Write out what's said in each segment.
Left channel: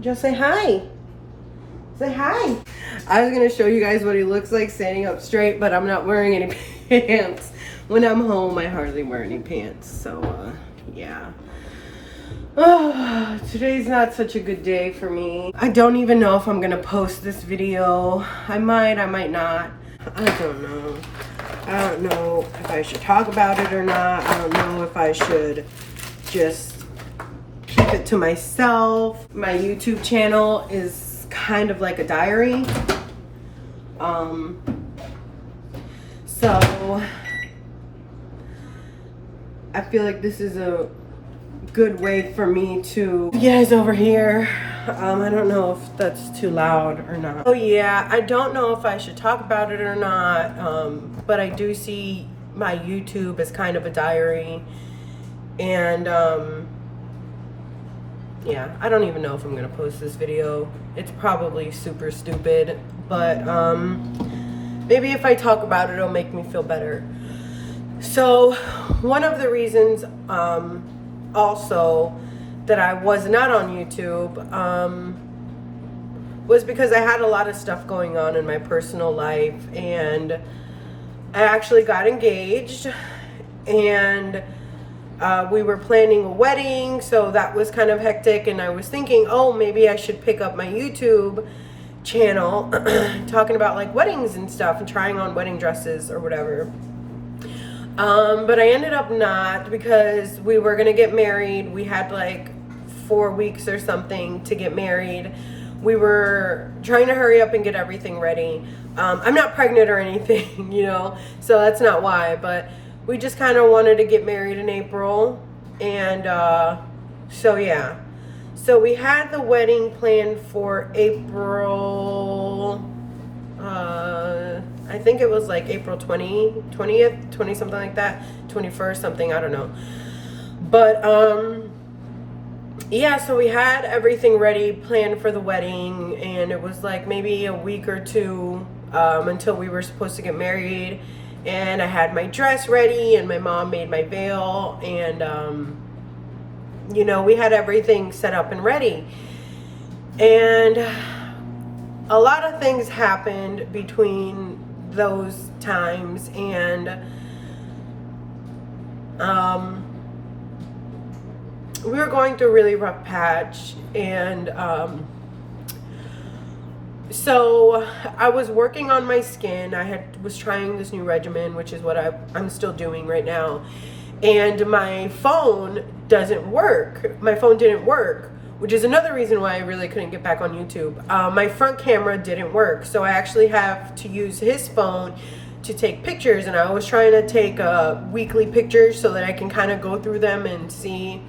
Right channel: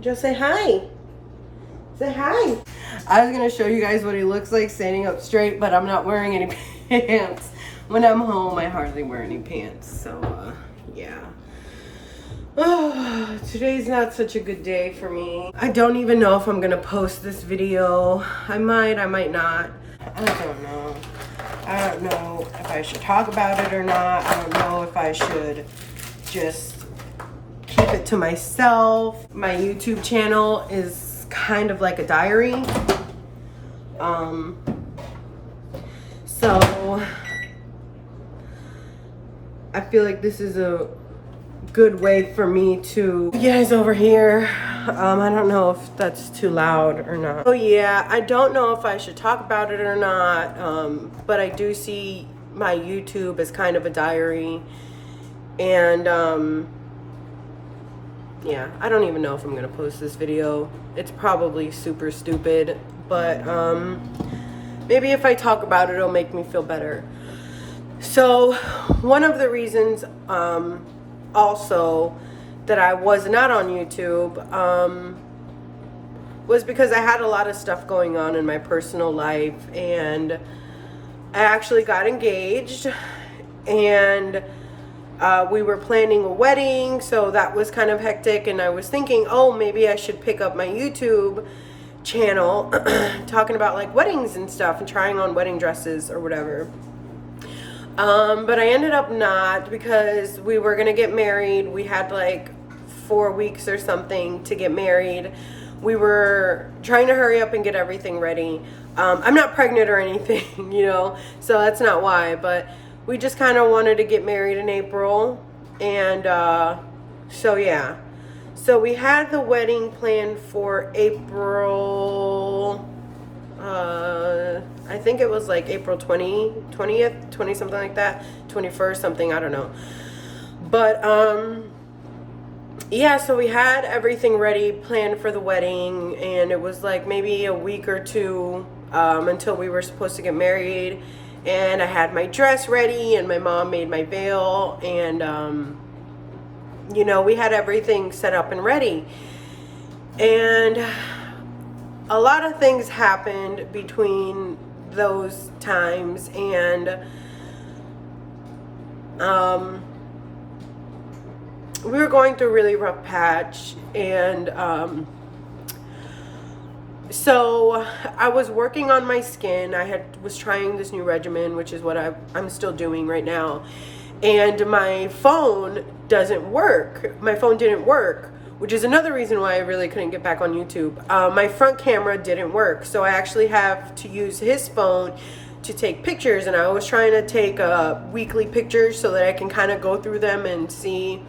Just say hi. Say hi. I was gonna show you guys what he looks like standing up straight, but I'm not wearing any pants. When I'm home, I hardly wear any pants. So, yeah. Oh, today's not such a good day for me. I don't even know if I'm gonna post this video. I might not. I don't know. I don't know if I should talk about it or not. I don't know if I should just keep it to myself. My YouTube channel is kind of like a diary. So I feel like this is a good way for me to, you guys over here, I don't know if that's too loud or not. Oh yeah, I don't know if I should talk about it or not, but I do see my YouTube as kind of a diary, and yeah, I don't even know if I'm gonna post this video. It's probably super stupid, but maybe if I talk about it, it'll make me feel better. So one of the reasons also that I was not on YouTube was because I had a lot of stuff going on in my personal life, and I actually got engaged, and we were planning a wedding, so that was kind of hectic, and I was thinking, oh, maybe I should pick up my YouTube channel talking about like weddings and stuff and trying on wedding dresses or whatever. But I ended up not, because we were gonna get married. We had like 4 weeks or something to get married. We were trying to hurry up and get everything ready. I'm not pregnant or anything, you know, so that's not why, but we just kind of wanted to get married in April. And so yeah, so we had the wedding planned for April, I think it was like April 20th, 20 something like that, 21st something, I don't know. But yeah, so we had everything ready, planned for the wedding, and it was like maybe a week or two until we were supposed to get married. And I had my dress ready, and my mom made my veil, and you know, we had everything set up and ready. And a lot of things happened between those times, and we were going through a really rough patch, and so I was working on my skin. I was trying this new regimen, which is what I'm still doing right now, and my phone doesn't work. My phone didn't work, which is another reason why I really couldn't get back on YouTube. My front camera didn't work, so I actually have to use his phone to take pictures, and I was trying to take weekly pictures so that I can kind of go through them and see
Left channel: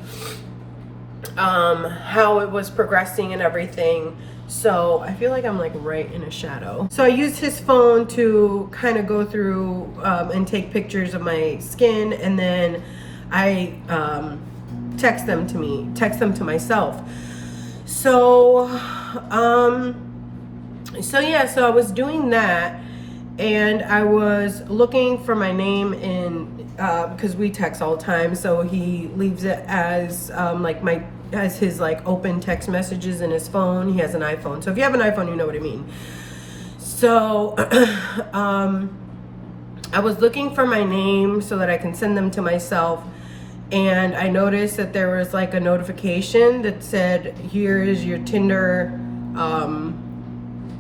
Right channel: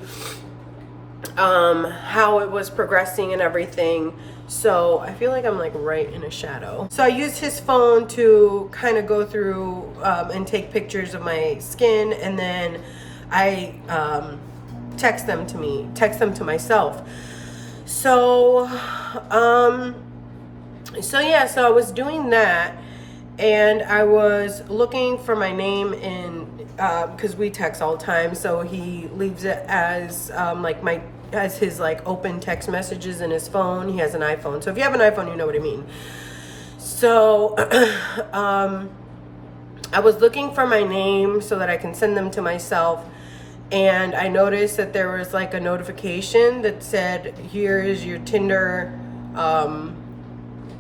how it was progressing and everything. So I feel like I'm like right in a shadow. So I used his phone to kind of go through and take pictures of my skin, and then I text them to myself. So so I was doing that, and I was looking for my name in because we text all the time, so he leaves it as as his like open text messages in his phone. He has an iPhone, so if you have an iPhone, you know what I mean. So I was looking for my name so that I can send them to myself, and I noticed that there was like a notification that said, here's your Tinder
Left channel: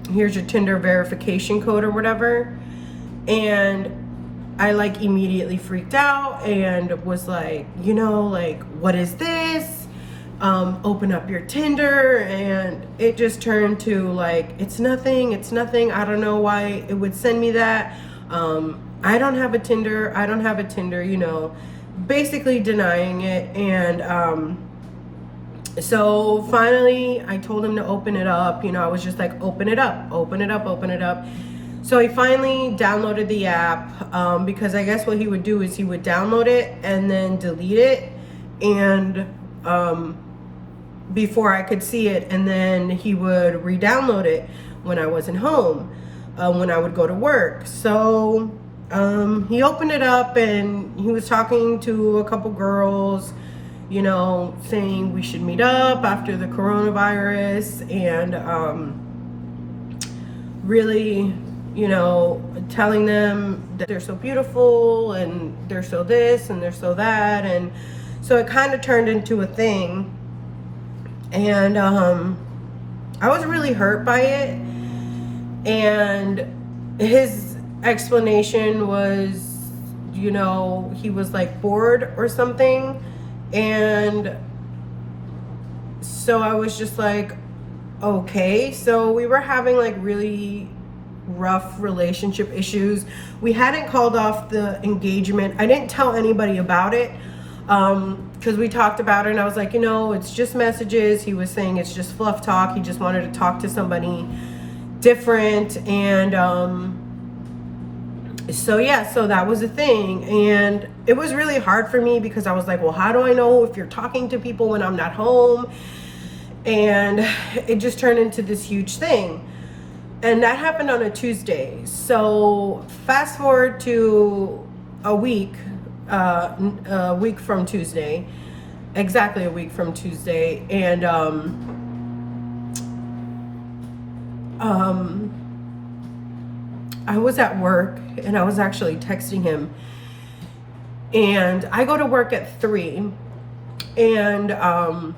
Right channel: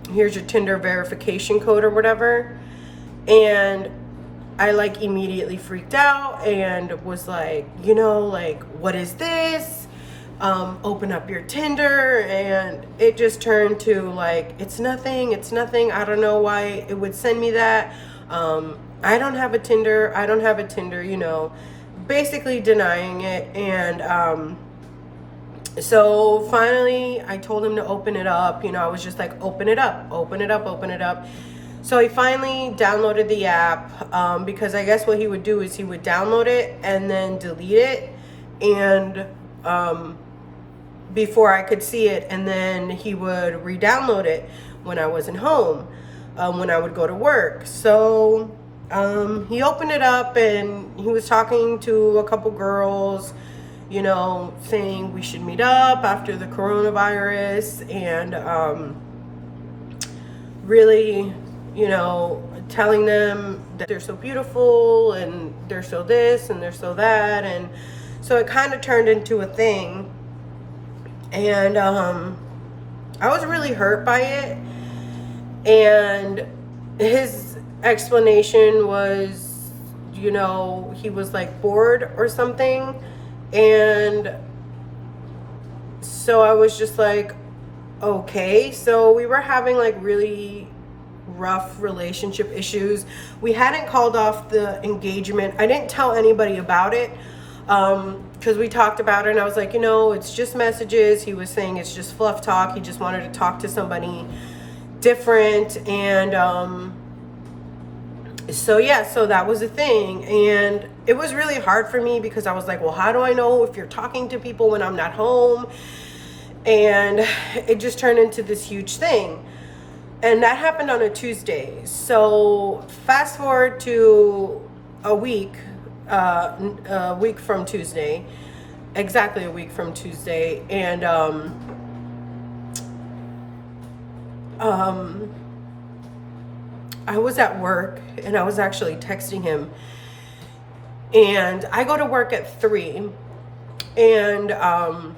verification code or whatever. And I like immediately freaked out and was like, you know, like, what is this? Open up your Tinder, and it just turned to like, it's nothing. I don't know why it would send me that. I don't have a Tinder, you know, basically denying it. And so finally I told him to open it up. You know, I was just like, open it up. So he finally downloaded the app, because I guess what he would do is he would download it and then delete it, and before I could see it, and then he would re-download it when I wasn't home, when I would go to work. So he opened it up, and he was talking to a couple girls, you know, saying we should meet up after the coronavirus, and really, you know, telling them that they're so beautiful and they're so this and they're so that. And so it kind of turned into a thing. And I was really hurt by it. And his explanation was, you know, he was like bored or something. And so I was just like, okay. So we were having like really rough relationship issues. We hadn't called off the engagement. I didn't tell anybody about it because we talked about it, and I was like, you know, it's just messages. He was saying it's just fluff talk. He just wanted to talk to somebody different. And so yeah, so that was a thing. And it was really hard for me because I was like, well, how do I know if you're talking to people when I'm not home? And it just turned into this huge thing. And that happened on a Tuesday. So fast forward to a week from Tuesday, exactly a week from Tuesday. And I was at work, and I was actually texting him. And I go to work at 3. And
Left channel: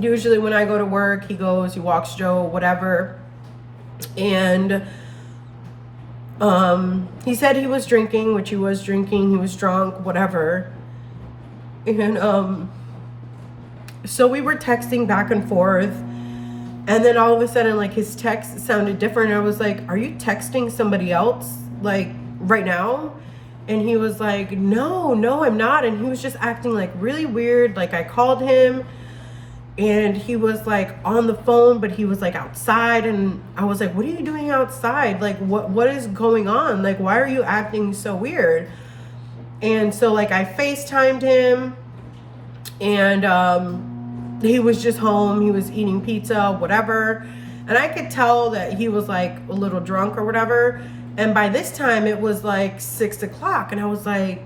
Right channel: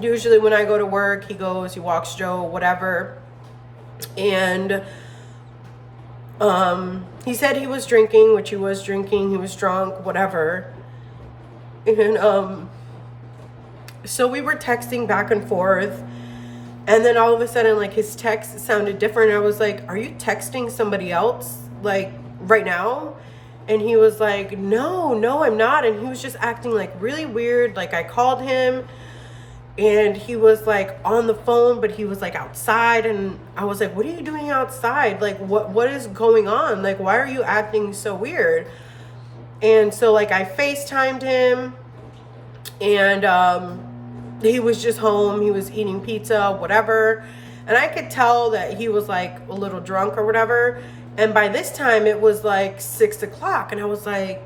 usually when I go to work, he goes, he walks Joe, whatever. And he said he was drinking, which he was drinking. He was drunk, whatever. And so we were texting back and forth. And then all of a sudden, like, his text sounded different. I was like, are you texting somebody else, like, right now? And he was like, no, I'm not. And he was just acting like really weird. Like, I called him and he was like on the phone, but he was like outside. And I was like, what are you doing outside? Like, what is going on? Like, why are you acting so weird? And so, like, I FaceTimed him, and he was just home. He was eating pizza, whatever. And I could tell that he was like a little drunk or whatever. And by this time it was like 6 o'clock. And I was like,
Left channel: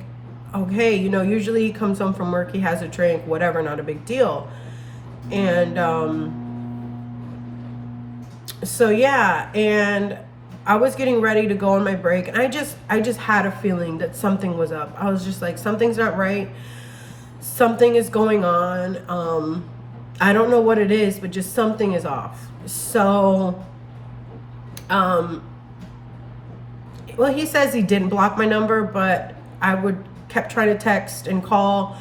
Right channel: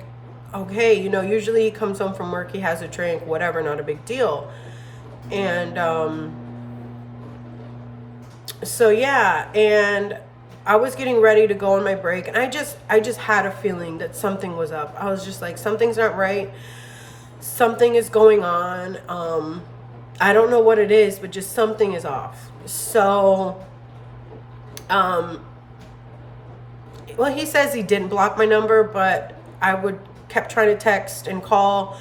okay, you know, usually he comes home from work, he has a drink, whatever, not a big deal. And so yeah, and I was getting ready to go on my break, and I just had a feeling that something was up. I was just like, something's not right. Something is going on. I don't know what it is, but just something is off. So, well, he says he didn't block my number, but I kept trying to text and call,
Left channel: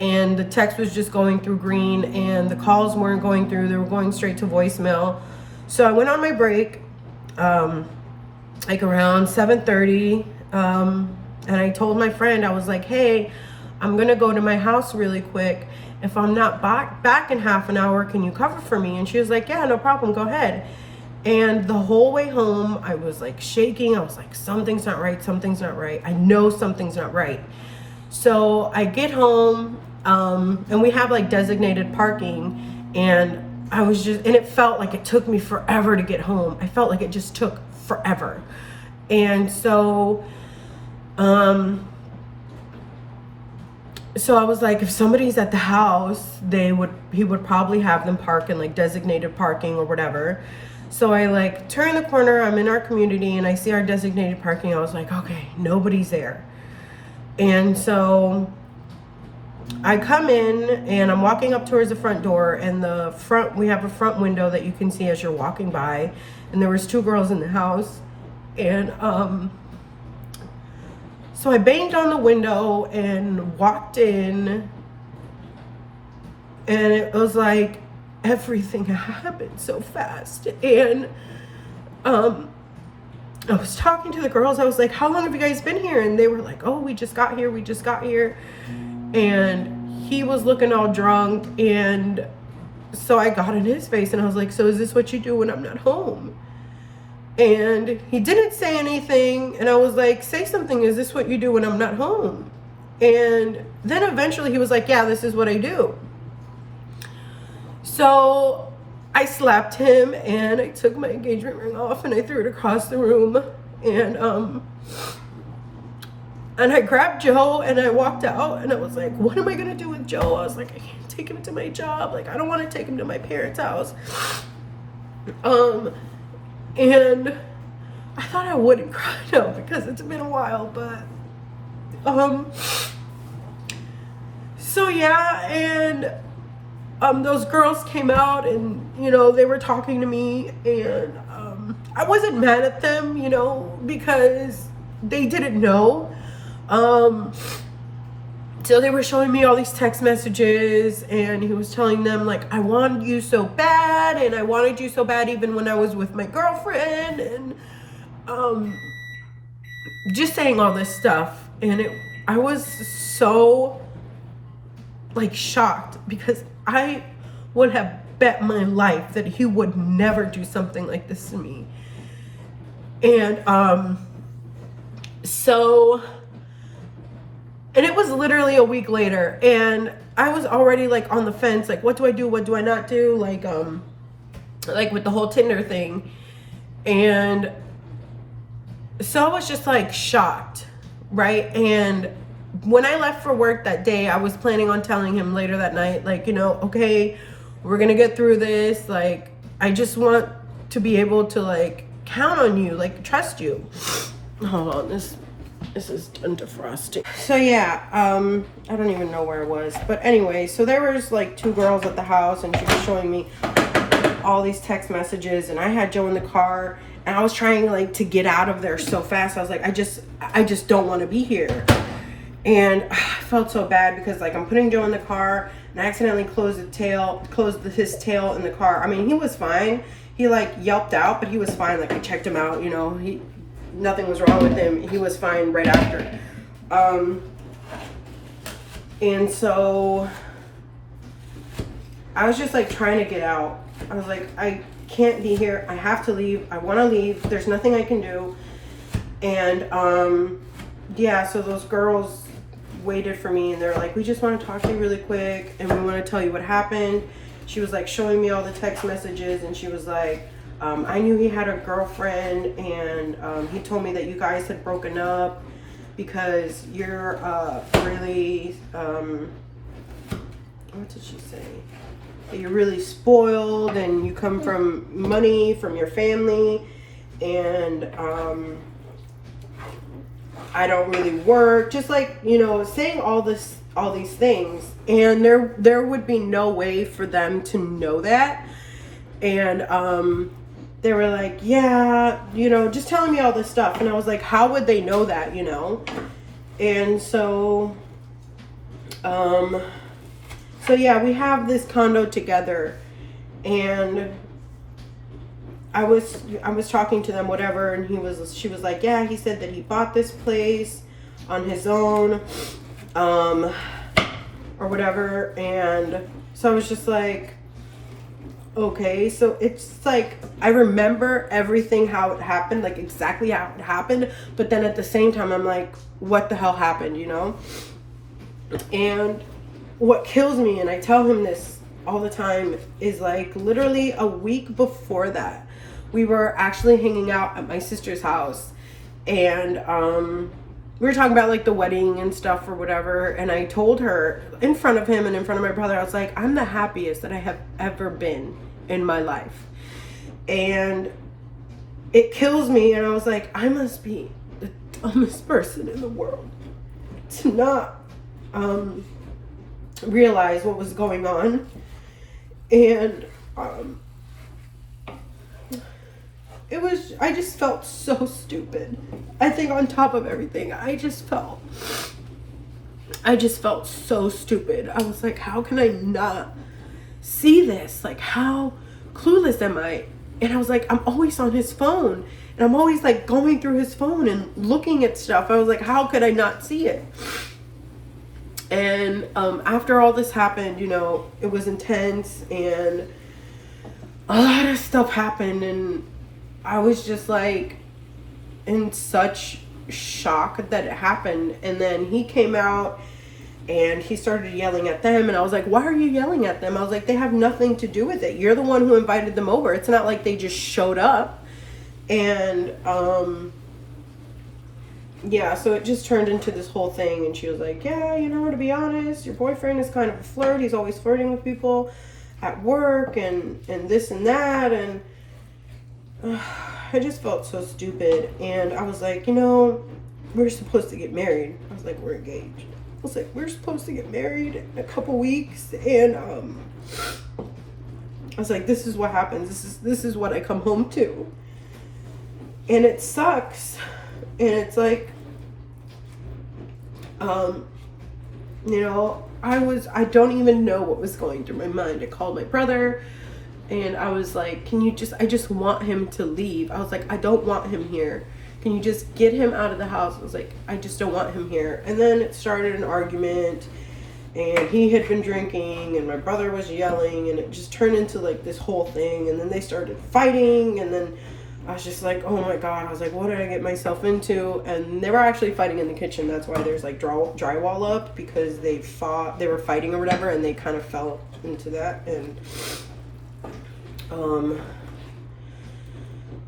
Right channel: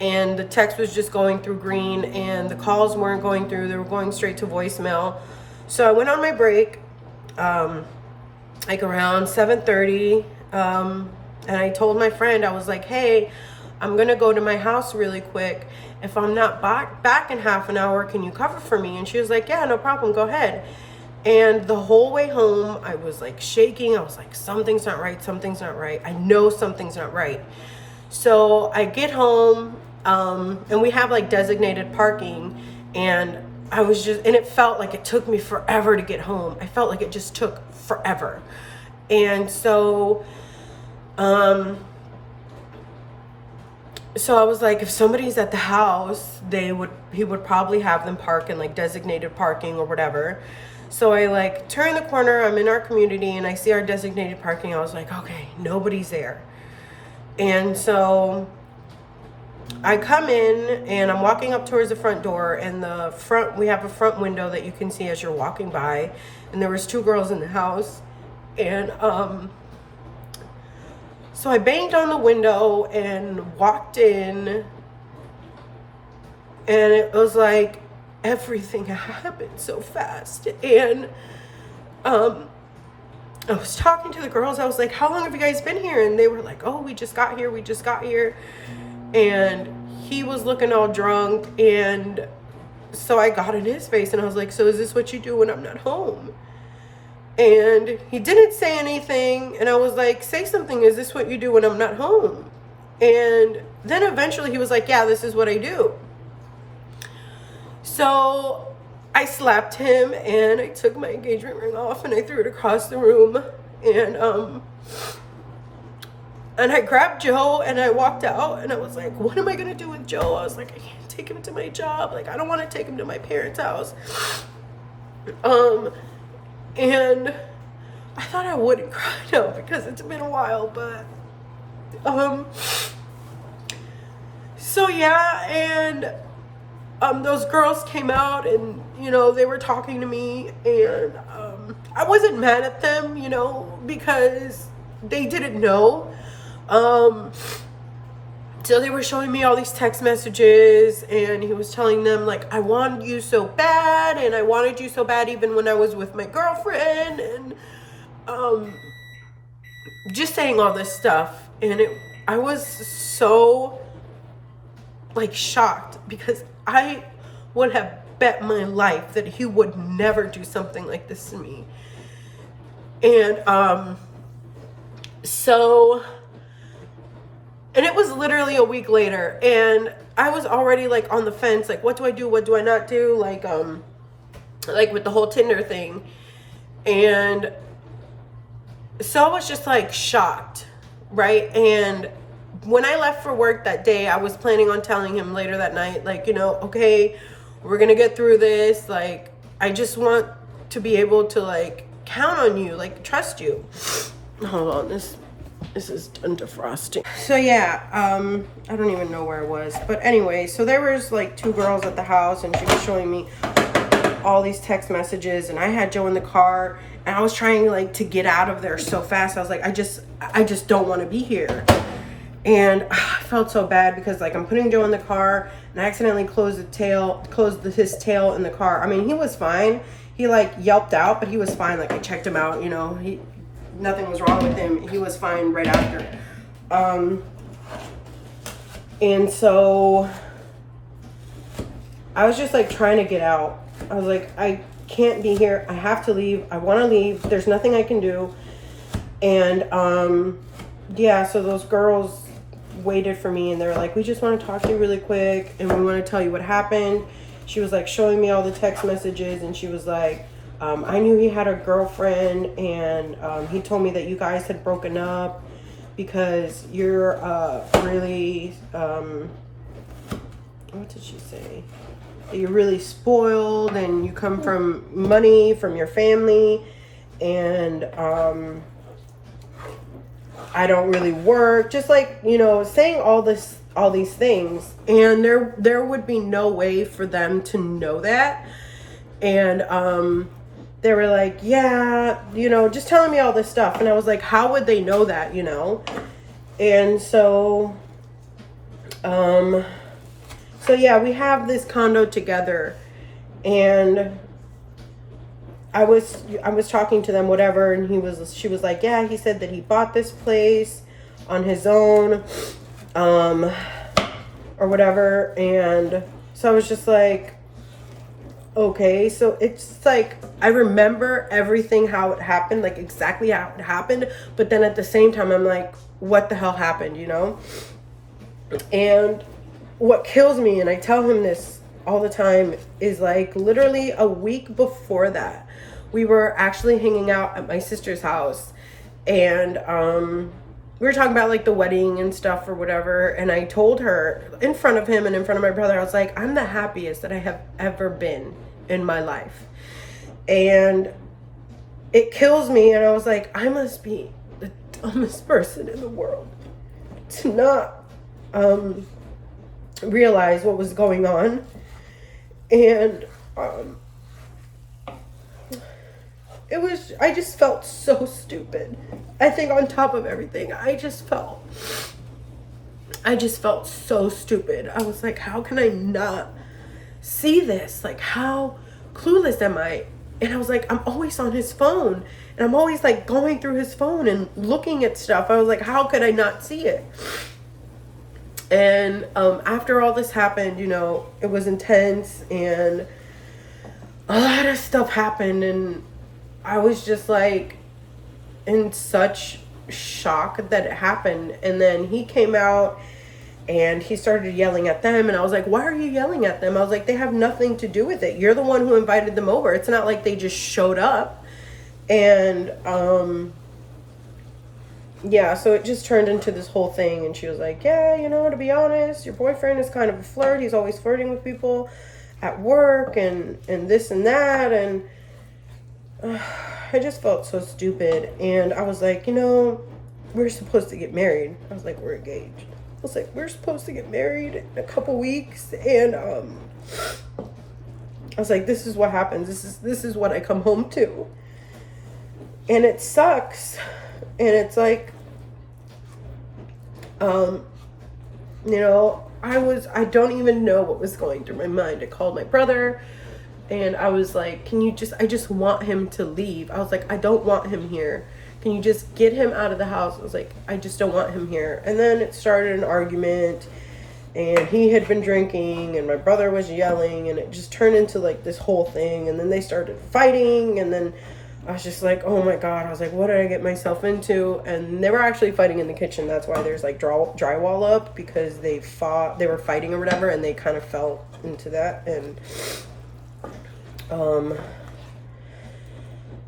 and the text was just going through green, and the calls weren't going through. They were going straight to voicemail. So I went on my break, like around 7:30, and I told my friend, I was like, hey, I'm gonna go to my house really quick. If I'm not back in half an hour, can you cover for me? And she was like, yeah, no problem, go ahead. And the whole way home, I was like shaking. I was like, something's not right, something's not right. I know something's not right. So I get home, and we have like designated parking, and I was just, and it felt like it took me forever to get home. I felt like it just took forever. And so, so I was like, if somebody's at the house, he would probably have them park in like designated parking or whatever. So I like turn the corner, I'm in our community, and I see our designated parking. I was like, okay, nobody's there. And so I come in, and I'm walking up towards the front door, and we have a front window that you can see as you're walking by, and there was 2 girls in the house. And so I banged on the window and walked in, and it was like everything happened so fast. And I was talking to the girls. I was like, how long have you guys been here? And they were like, oh, we just got here. And he was looking all drunk. And so I got in his face, and I was like, so is this what you do when I'm not home? And he didn't say anything. And I was like, say something. Is this what you do when I'm not home? And then eventually he was like, yeah, this is what I do. So I slapped him, and I took my engagement ring off, and I threw it across the room. And And I grabbed Joe and I walked out, and I was like, what am I gonna do with Joe? I was like, I can't take him to my job. Like, I don't want to take him to my parents' house. And I thought I wouldn't cry now because it's been a while, but so yeah, and those girls came out, and you know, they were talking to me, and I wasn't mad at them, you know, because they didn't know. So they were showing me all these text messages, and he was telling them like, I wanted you so bad, and I wanted you so bad even when I was with my girlfriend, and just saying all this stuff. And I was so like shocked, because I would have bet my life that he would never do something like this to me. And and it was literally a week later, and I was already like on the fence, like, what do I do? What do I not do? Like with the whole Tinder thing. And so I was just like shocked, right? And when I left for work that day, I was planning on telling him later that night, like, you know, okay, we're gonna get through this. Like, I just want to be able to like count on you, like trust you. Hold on, this is done defrosting. So yeah, I don't even know where I was, but anyway, so there was like 2 girls at the house, and she was showing me all these text messages, and I had Joe in the car, and I was trying like to get out of there so fast. I was like, I just don't want to be here. And I felt so bad because like I'm putting Joe in the car, and I accidentally closed his tail in the car. I mean, he was fine. He like yelped out, but he was fine. Like, I checked him out, you know, nothing was wrong with him. He was fine right after. And so I was just like trying to get out. I was like, I can't be here. I have to leave. I want to leave. There's nothing I can do. And yeah, so those girls waited for me, and they're like, we just want to talk to you really quick, and we want to tell you what happened. She was like showing me all the text messages, and she was like, I knew he had a girlfriend, and he told me that you guys had broken up because you're really, what did she say? You're really spoiled, and you come from money from your family, and I don't really work. Just like, you know, saying all these things, and there would be no way for them to know that. And they were like, yeah, you know, just telling me all this stuff. And I was like, how would they know that, you know? And so yeah, we have this condo together, and I was talking to them, whatever, and she was like, yeah, he said that he bought this place on his own, or whatever. And so I was just like, okay. So it's like, I remember everything, how it happened, like exactly how it happened, but then at the same time I'm like, what the hell happened, you know? And what kills me, and I tell him this all the time, is like literally a week before that, we were actually hanging out at my sister's house, and we were talking about like the wedding and stuff or whatever, and I told her in front of him and in front of my brother, I was like, I'm the happiest that I have ever been in my life. And it kills me, and I was like, I must be the dumbest person in the world to not realize what was going on. And I just felt so stupid. I think on top of everything, I just felt so stupid. I was like, how can I not see this? Like, how clueless am I? And I was like, I'm always on his phone, and I'm always like going through his phone and looking at stuff. I was like, how could I not see it? And after all this happened, you know, it was intense, and a lot of stuff happened, and I was just like in such shock that it happened. And then he came out and he started yelling at them, and I was like, why are you yelling at them? I was like, they have nothing to do with it. You're the one who invited them over. It's not like they just showed up. And yeah, so it just turned into this whole thing. And she was like, yeah, you know, to be honest, your boyfriend is kind of a flirt. He's always flirting with people at work and this and that. And I just felt so stupid. And I was like, you know, we're supposed to get married. I was like, we're engaged. I was like, we're supposed to get married in a couple weeks. And I was like, this is what happens. This is what I come home to. And it sucks. And it's like, you know, I don't even know what was going through my mind. I called my brother and I was like, I just want him to leave. I was like, I don't want him here. Can you just get him out of the house? I was like, I just don't want him here. And then it started an argument, and he had been drinking and my brother was yelling, and it just turned into like this whole thing. And then they started fighting, and then I was just like, oh my God. I was like, what did I get myself into? And they were actually fighting in the kitchen. That's why there's like drywall up, because they were fighting or whatever, and they kind of fell into that. And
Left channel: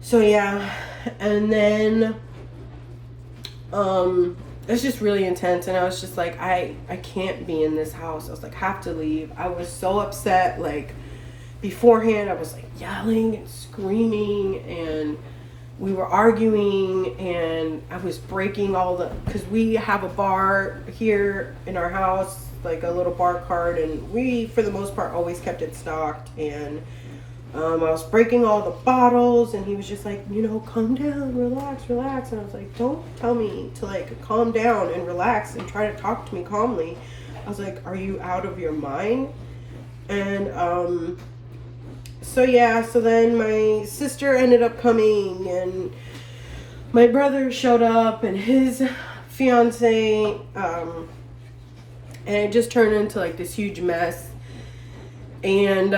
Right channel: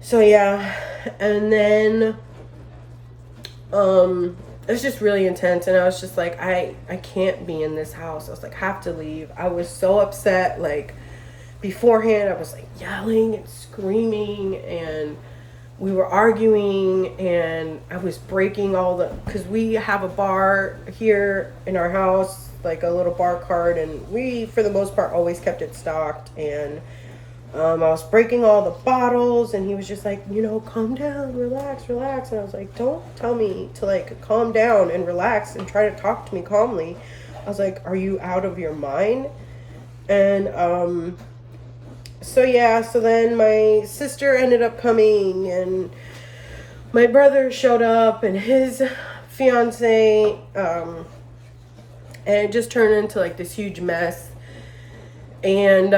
so yeah, and then it's just really intense. And I was just like, I can't be in this house. I was like, have to leave. I was so upset. Like, beforehand I was like yelling and screaming, and we were arguing, and I was breaking because we have a bar here in our house, like a little bar cart, and we for the most part always kept it stocked. And I was breaking all the bottles, and he was just like, you know, calm down, relax. And I was like, don't tell me to like calm down and relax and try to talk to me calmly. I was like, are you out of your mind? And so yeah, so then my sister ended up coming, and my brother showed up and his fiance, and it just turned into like this huge mess. And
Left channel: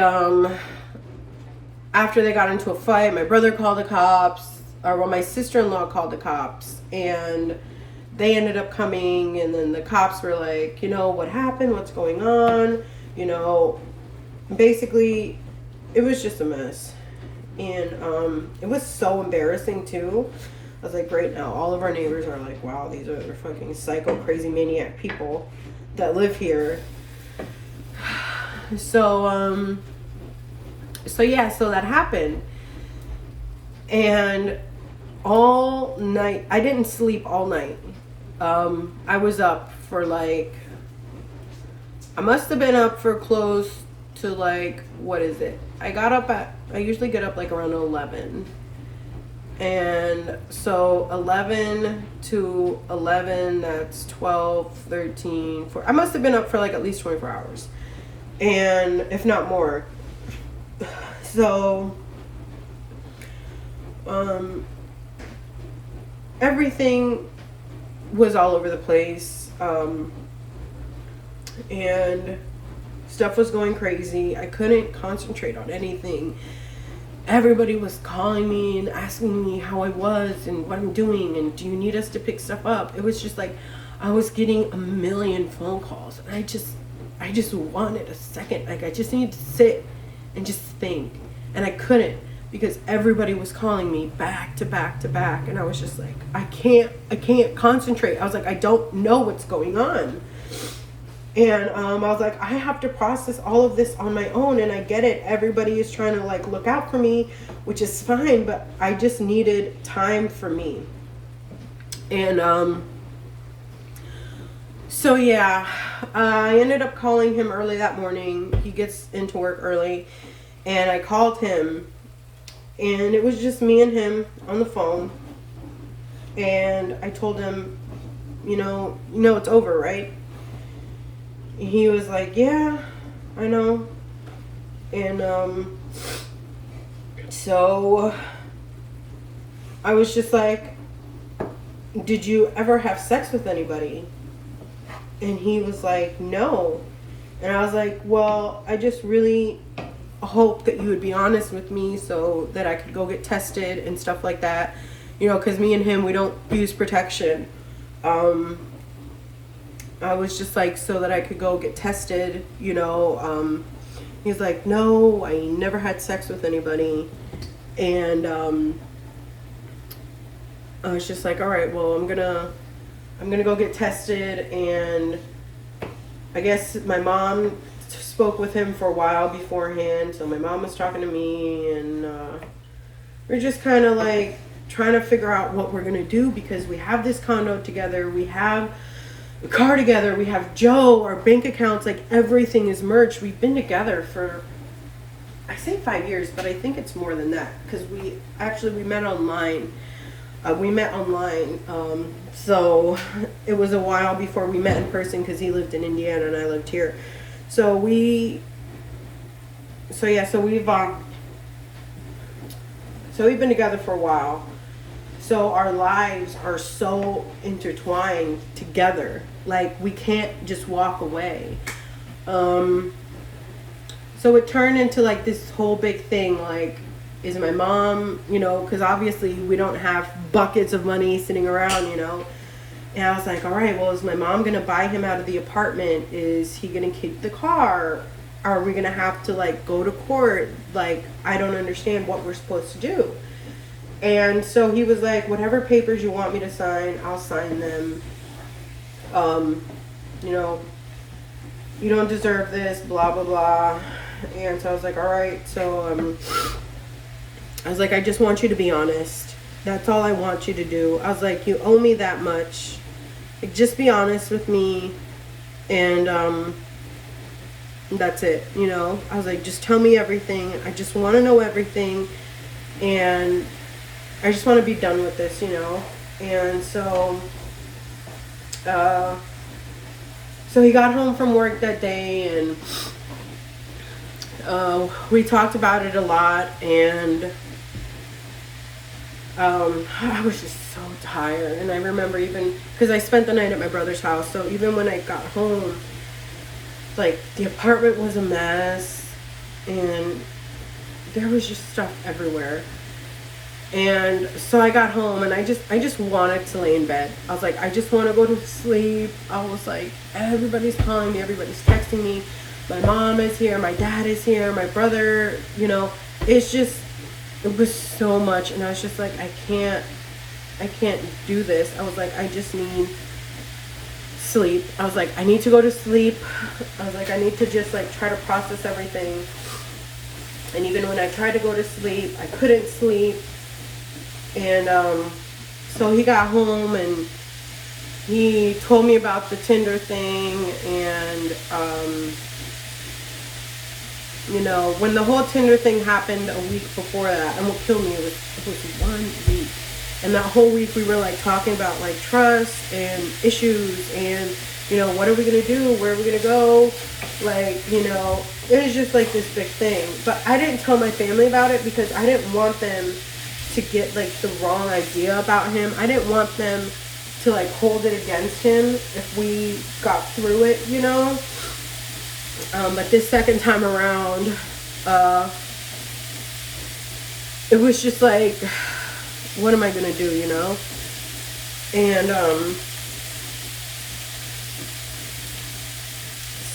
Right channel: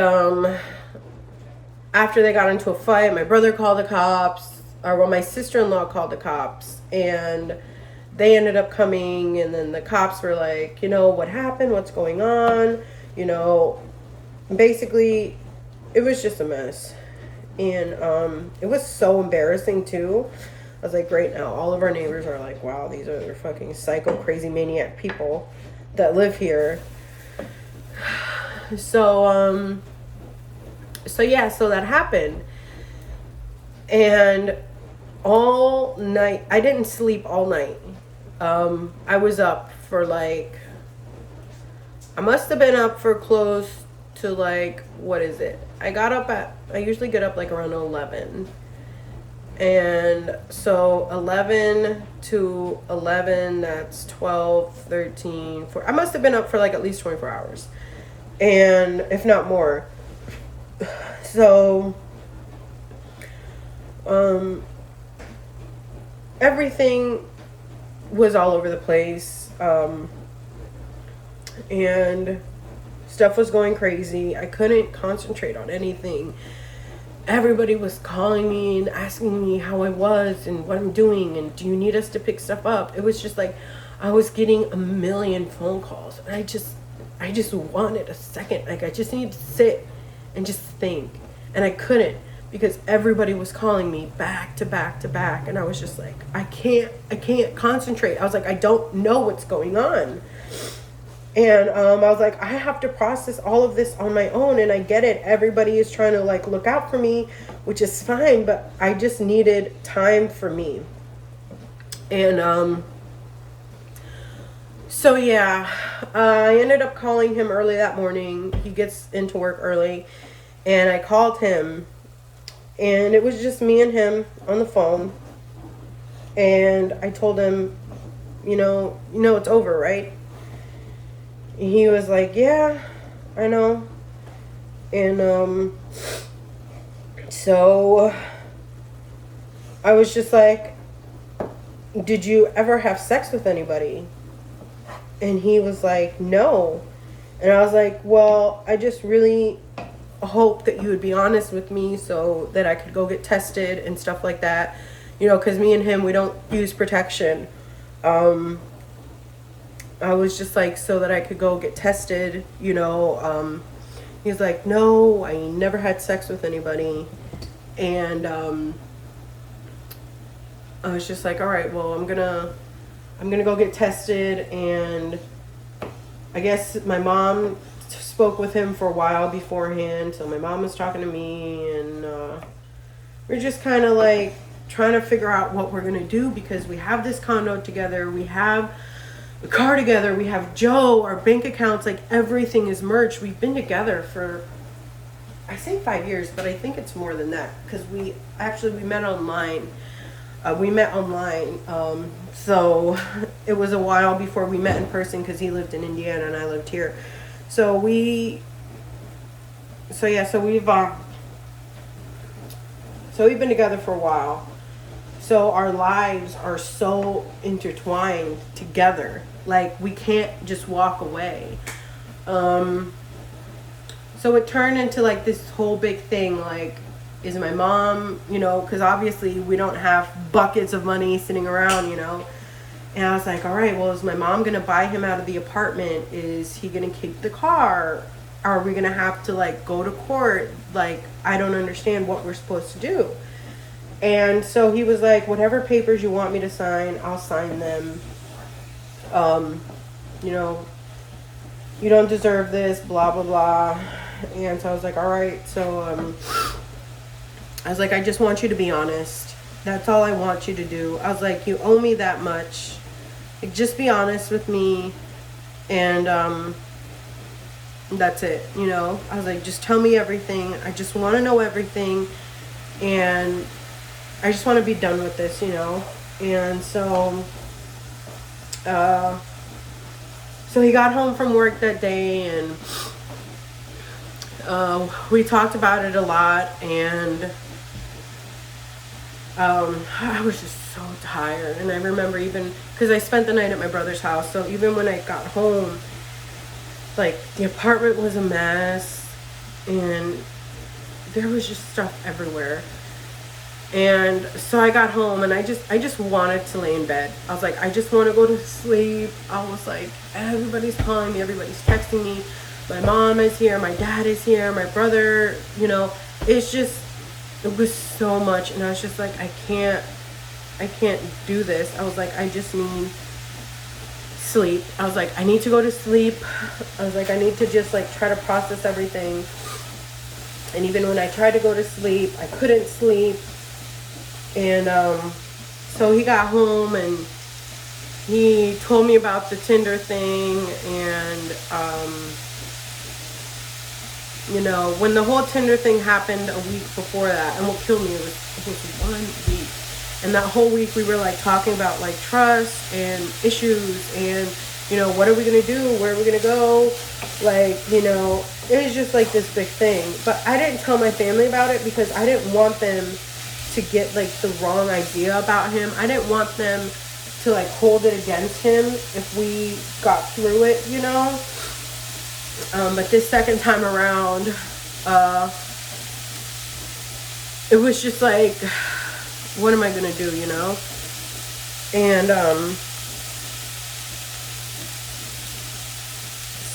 after they got into a fight, my brother called the cops, or well, my sister-in-law called the cops, and they ended up coming. And then the cops were like, you know, what happened? What's going on? You know, basically, it was just a mess. And it was so embarrassing too. I was like, great, now all of our neighbors are like, wow, these are the fucking psycho, crazy, maniac people that live here. So yeah, so that happened. And all night, I didn't sleep all night. I was up for like, I must have been up for close to like, what is it? I usually get up like around 11. And so 11 to 11, that's 12, 13, 14. I must have been up for like at least 24 hours. And if not more. So, everything was all over the place. And stuff was going crazy. I couldn't concentrate on anything. Everybody was calling me and asking me how I was and what I'm doing, and do you need us to pick stuff up? It was just like I was getting a million phone calls, and I just wanted a second. Like, I just needed to sit and just think, and I couldn't, because everybody was calling me back to back to back, and I was just like, I can't concentrate. I was like, I don't know what's going on. And I was like, I have to process all of this on my own, and I get it. Everybody is trying to like look out for me, which is fine, but I just needed time for me. And so yeah, I ended up calling him early that morning. He gets into work early, and I called him, and it was just me and him on the phone. And I told him, you know, it's over, right? He was like, yeah, I know. And so I was just like, did you ever have sex with anybody? And he was like, no. And I was like, well, I just really hope that you would be honest with me so that I could go get tested and stuff like that. You know, because me and him, we don't use protection. I was just like, so that I could go get tested, you know. He's like, no, I never had sex with anybody. And I was just like, all right, well, I'm gonna I'm gonna go get tested, and I guess my mom spoke with him for a while beforehand. So my mom was talking to me, and we're just kind of like trying to figure out what we're gonna do, because we have this condo together, we have a car together, we have Joe, our bank accounts, like everything is merged. We've been together for, I say 5 years, but I think it's more than that, because we met online. So it was a while before we met in person, because he lived in Indiana and I lived here. So we've been together for a while. So our lives are so intertwined together. Like, we can't just walk away. So it turned into like this whole big thing, like, is my mom, because obviously we don't have buckets of money sitting around, And I was like, all right, well, is my mom going to buy him out of the apartment? Is he going to keep the car? Are we going to have to, like, go to court? Like, I don't understand what we're supposed to do. And so he was like, whatever papers you want me to sign, I'll sign them. You don't deserve this, blah, blah, blah. And so I was like, all right. So I was like, I just want you to be honest. That's all I want you to do. I was like, you owe me that much. Like, just be honest with me. And that's it, I was like, just tell me everything. I just want to know everything. And I just want to be done with this, And so he got home from work that day, and we talked about it a lot, and I was just so tired. And I remember, even because I spent the night at my brother's house, so even when I got home, like, the apartment was a mess, and there was just stuff everywhere. And so I got home, and I just wanted to lay in bed. I was like, I just want to go to sleep. I was like, everybody's calling me, everybody's texting me. My mom is here, my dad is here, my brother, it was so much. And I was just like, I can't do this. I was like, I just need sleep. I was like, I need to go to sleep. I was like, I need to just, like, try to process everything. And even when I tried to go to sleep, I couldn't sleep. And so he got home, and he told me about the Tinder thing. And when the whole Tinder thing happened a week before that, and what killed me, it was 1 week. And that whole week we were, like, talking about, like, trust and issues, and what are we gonna do, where are we gonna go, like, it was just like this big thing. But I didn't tell my family about it, because I didn't want them to get, like, the wrong idea about him. I didn't want them to, like, hold it against him if we got through it, but this second time around, it was just like, what am I gonna do, And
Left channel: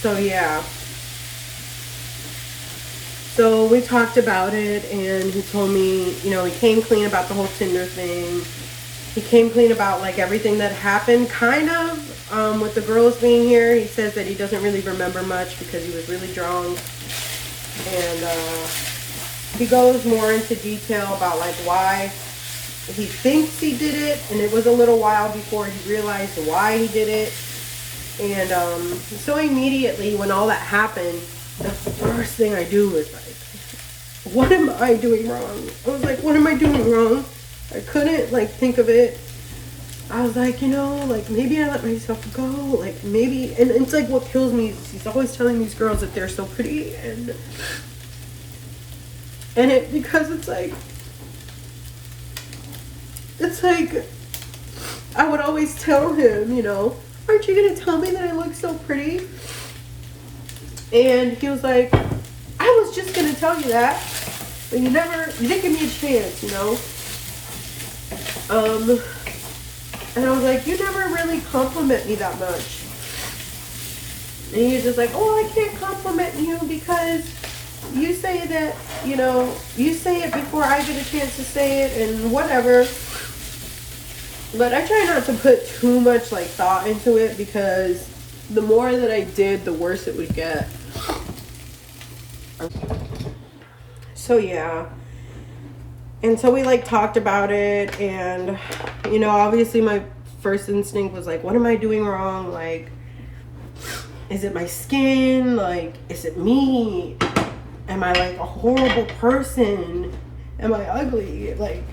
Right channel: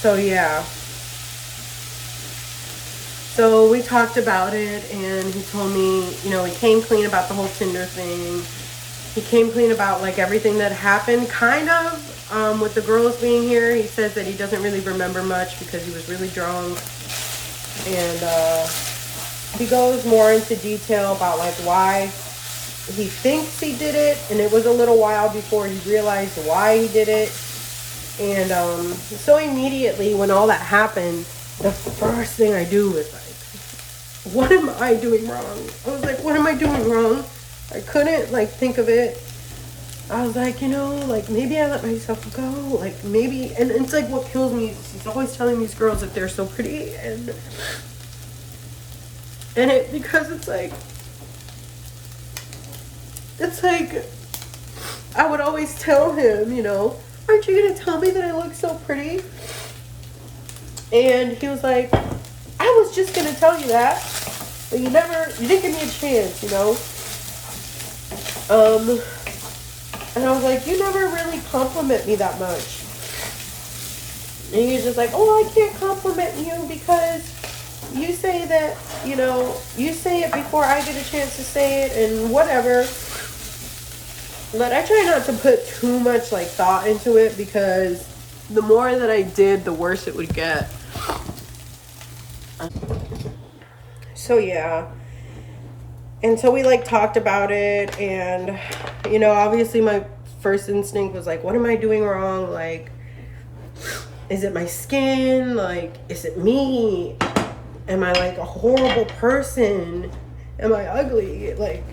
so yeah. So we talked about it, and he told me, he came clean about the whole Tinder thing. He came clean about, like, everything that happened, kind of, with the girls being here. He says that he doesn't really remember much because he was really drunk. And he goes more into detail about, like, why he thinks he did it. And it was a little while before he realized why he did it. And so immediately when all that happened, the first thing I do was like, what am I doing wrong? I was like, what am I doing wrong? I couldn't, like, think of it. I was like, like, maybe I let myself go. Like, maybe, and it's like, what kills me is he's always telling these girls that they're so pretty. And it, because it's like, I would always tell him, aren't you going to tell me that I look so pretty? And he was like, I was just going to tell you that, but you didn't give me a chance, And I was like, you never really compliment me that much. And he was just like, oh, I can't compliment you because you say that, you say it before I get a chance to say it and whatever. But I try not to put too much like thought into it, because the more that I did, the worse it would get. So yeah. And so we like talked about it, and you know, obviously my first instinct was like, what am I doing wrong? Like, is it my skin? Like, is it me? Am I like a horrible person? Am I ugly? Like,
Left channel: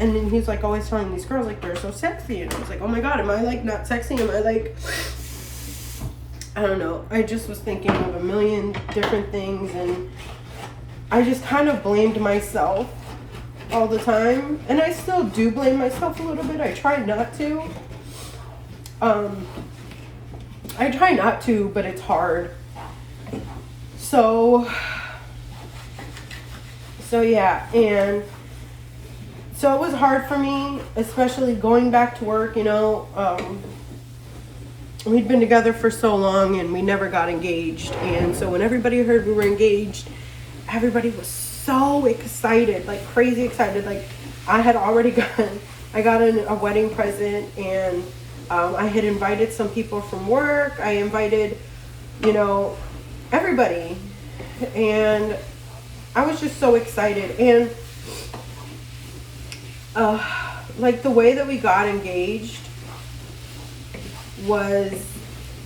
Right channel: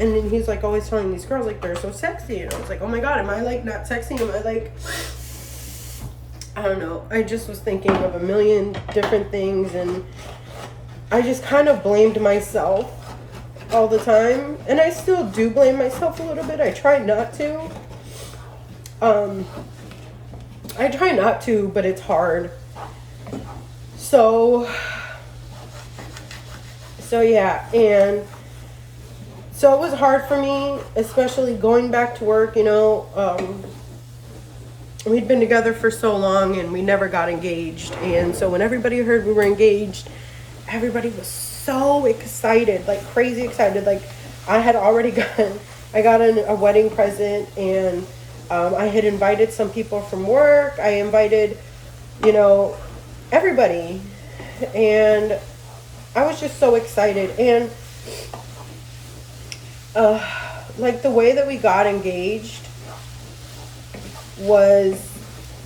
and then he's like always telling these girls like they're so sexy, and I was like, oh my god, am I like not sexy? Am I like, I don't know. I just was thinking of a million different things, and I just kind of blamed myself all the time, and I still do blame myself a little bit. I try not to. I try not to, but it's hard. So yeah, and so it was hard for me, especially going back to work, you know. We'd been together for so long and we never got engaged. And so when everybody heard we were engaged, everybody was so excited, like crazy excited. Like I had already I got a wedding present, and I had invited some people from work. I invited, you know, everybody. And I was just so excited. And like the way that we got engaged was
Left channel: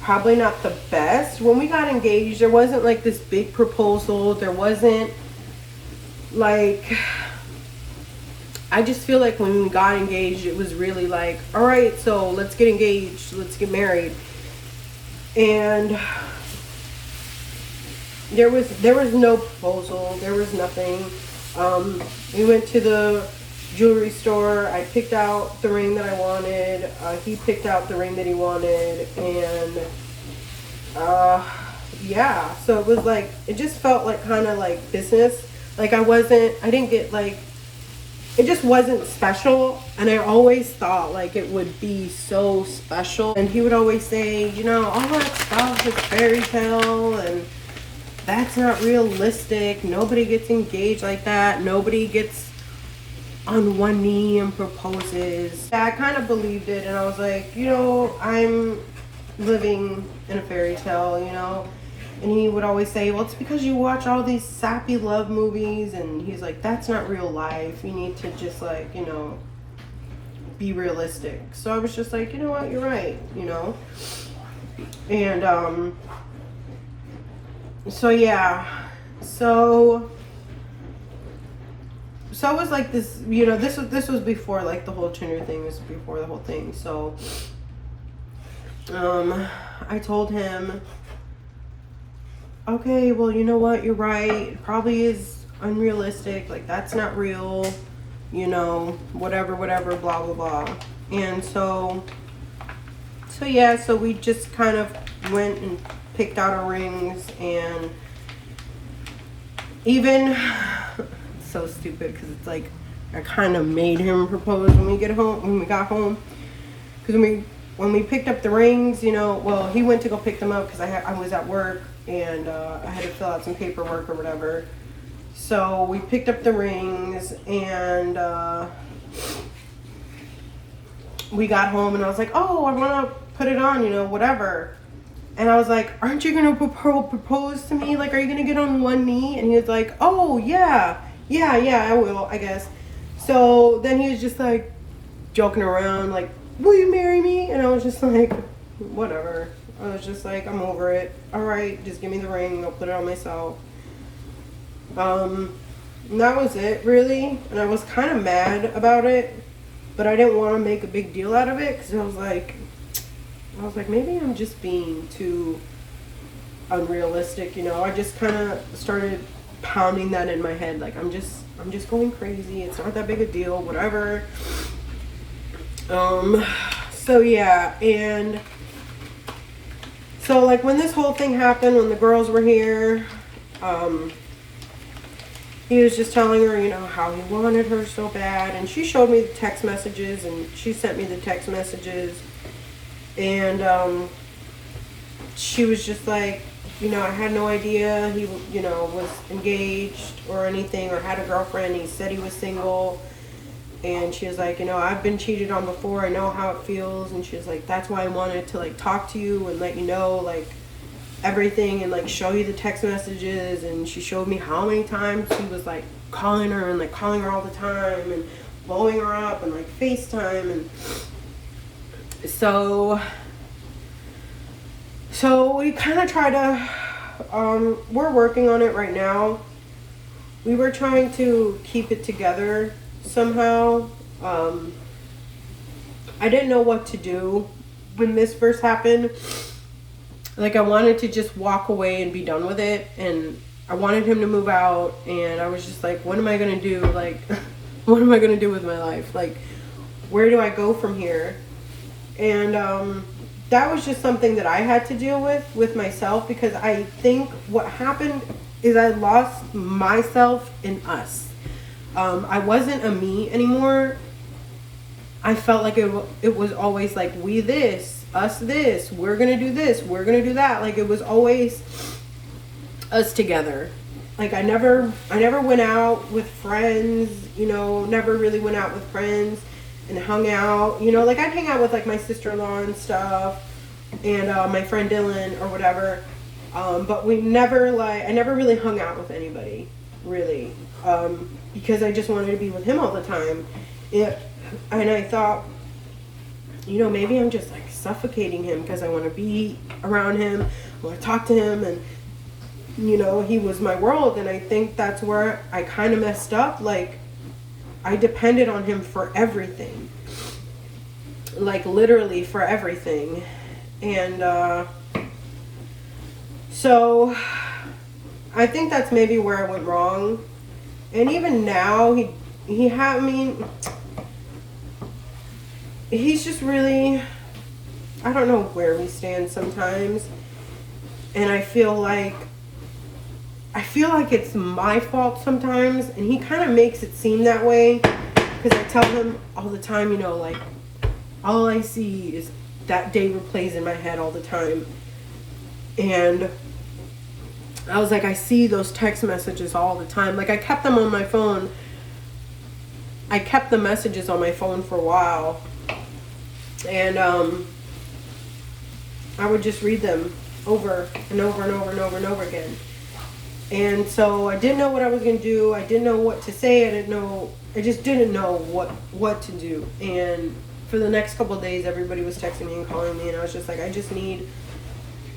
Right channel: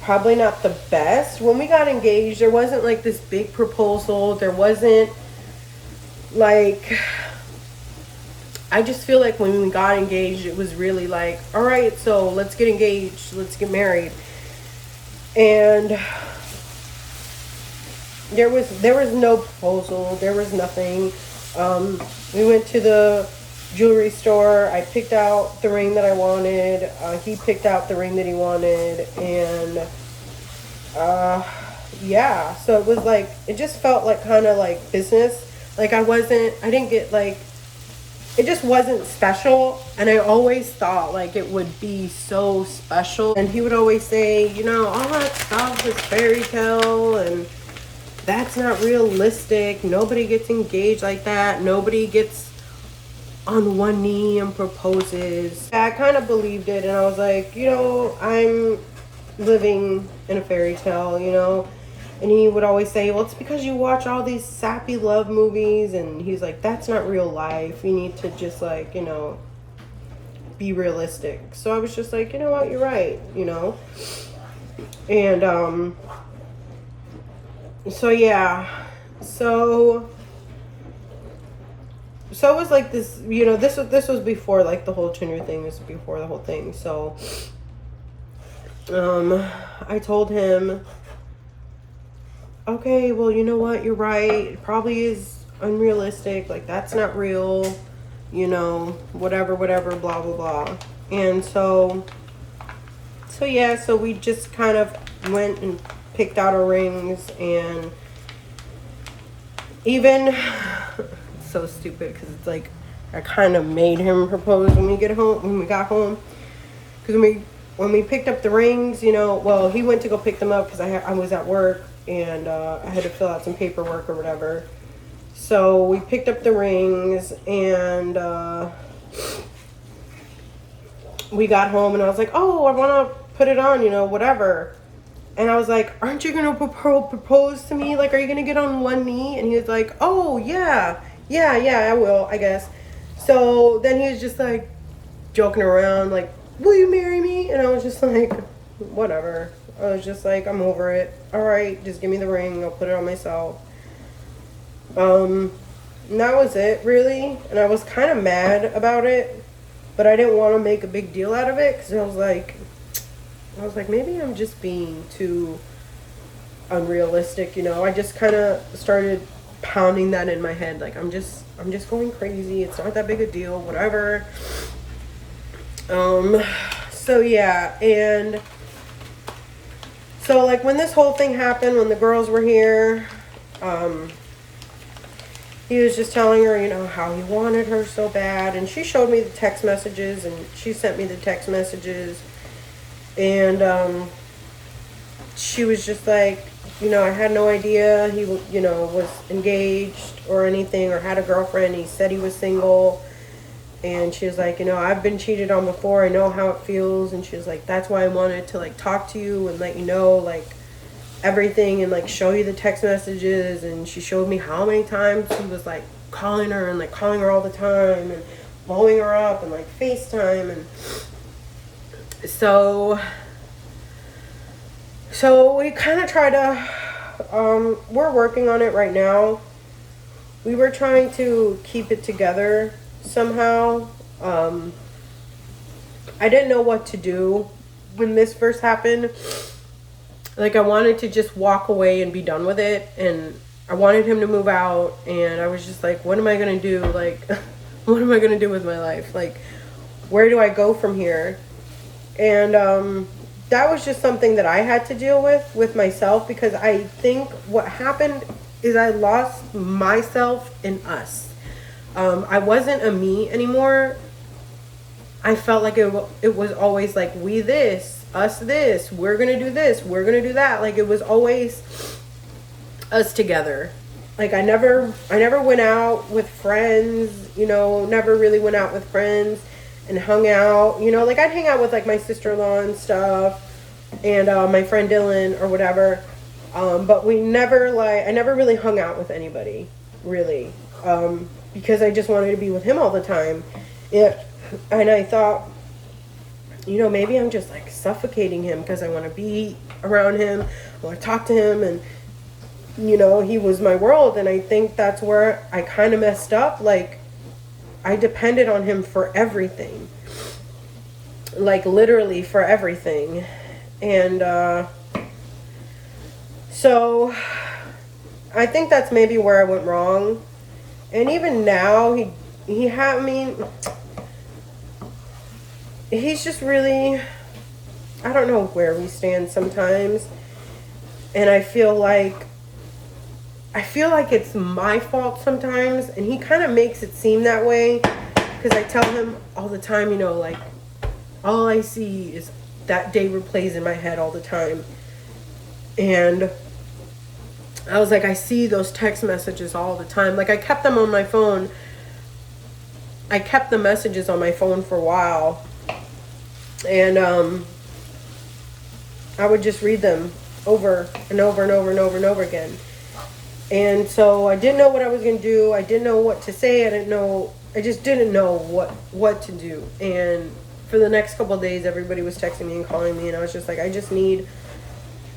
probably not the best. When we got engaged, there wasn't like this big proposal. There wasn't like, I just feel like when we got engaged, it was really like, all right, so let's get engaged, let's get married. And there was no proposal, there was nothing. We went to the jewelry store. I picked out the ring that I wanted. He picked out the ring that he wanted, and yeah. So it was like, it just felt like kind of like business. Like I didn't get like, it just wasn't special. And I always thought like it would be so special. And he would always say, you know, all that stuff is fairy tale, and that's not realistic. Nobody gets engaged like that. Nobody gets on one knee and proposes. I kind of believed it, and I was like, you know, I'm living in a fairy tale, you know. And he would always say, well, it's because you watch all these sappy love movies. And he's like, that's not real life. You need to just like, you know, be realistic. So I was just like, you know what, you're right, you know. And so yeah, so it was like this, you know, this was before like the whole Tinder thing. This was before the whole thing. So I told him, okay, well, you know what, you're right, it probably is unrealistic, like that's not real, you know, whatever, blah blah blah. And so yeah, so we just kind of went and picked out our rings. And even it's so stupid, because it's like I kind of made him propose when we got home, because when we picked up the rings, you know, well, he went to go pick them up because I was at work, and I had to fill out some paperwork or whatever. So we picked up the rings, and we got home, and I was like, oh, I want to put it on, you know, whatever. And I was like, aren't you going to propose to me? Like, are you going to get on one knee? And he was like, oh, yeah, I will, I guess. So then he was just like joking around, like, will you marry me? And I was just like, whatever. I was just like, I'm over it. All right, just give me the ring. I'll put it on myself. And that was it, really. And I was kind of mad about it, but I didn't want to make a big deal out of it, because I was like, maybe I'm just being too unrealistic, you know. I just kind of started pounding that in my head, like I'm just going crazy. It's not that big a deal, whatever. So yeah, and so like when this whole thing happened, when the girls were here, he was just telling her, you know, how he wanted her so bad, and she showed me the text messages, and she sent me the text messages. And she was just like, you know, I had no idea he, you know, was engaged or anything, or had a girlfriend. He said he was single. And she was like, you know, I've been cheated on before. I know how it feels. And she was like, that's why I wanted to like talk to you and let you know like everything and like show you the text messages. And she showed me how many times he was like calling her and like calling her all the time and blowing her up and like FaceTime. And so we kind of try to, we're working on it right now. We were trying to keep it together somehow. I didn't know what to do when this first happened. Like, I wanted to just walk away and be done with it, and I wanted him to move out, and I was just like, what am I gonna do? Like, what am I gonna do with my life? Like, where do I go from here? And that was just something that I had to deal with myself, because I think what happened is I lost myself in us. I wasn't a me anymore. I felt like it was always like we this, us this, we're gonna do this, we're gonna do that. Like, it was always us together. Like, I never went out with friends, you know, never really went out with friends and hung out, you know, like I'd hang out with like my sister-in-law and stuff and my friend Dylan or whatever. But I never really hung out with anybody, really. Because I just wanted to be with him all the time. And I thought, you know, maybe I'm just like suffocating him because I want to be around him. I want to talk to him, and, you know, he was my world. And I think that's where I kind of messed up. Like, I depended on him for everything. Like, literally for everything. And so I think that's maybe where I went wrong. And even now, he's just really, I don't know where we stand sometimes. And I feel like it's my fault sometimes. And he kind of makes it seem that way. Because I tell him all the time, you know, like, all I see is that day replays in my head all the time. And I was like, I see those text messages all the time. Like, I kept them on my phone. I kept the messages on my phone for a while. And I would just read them over and over and over and over and over again. And so I didn't know what I was going to do. I didn't know what to say. I just didn't know what to do. And for the next couple of days, everybody was texting me and calling me. And I was just like, I just need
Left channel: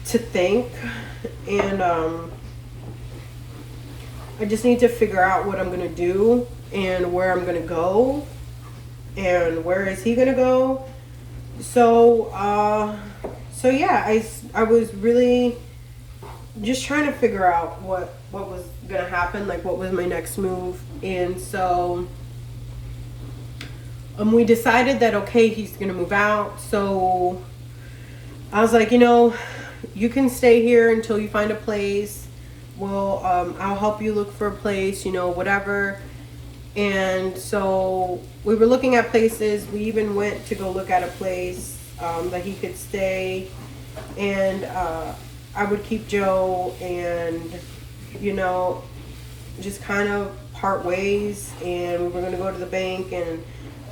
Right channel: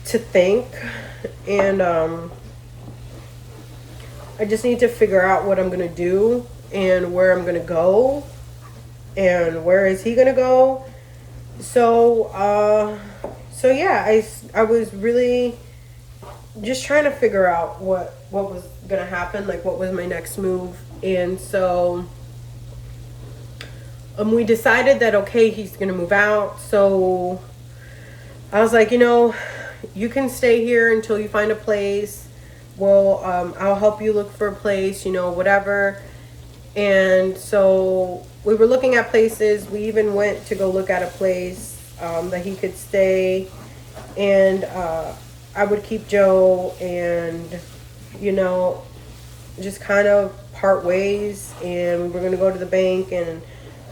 to think. And I just need to figure out what I'm going to do and where I'm going to go and where is he going to go. So yeah, I was really just trying to figure out what was going to happen, like what was my next move. And so we decided that, okay, he's going to move out. So I was like, you know, you can stay here until you find a place. Well, I'll help you look for a place, you know, whatever. And so we were looking at places. We even went to go look at a place that he could stay. And I would keep Joe and, you know, just kind of part ways. And we were going to go to the bank and,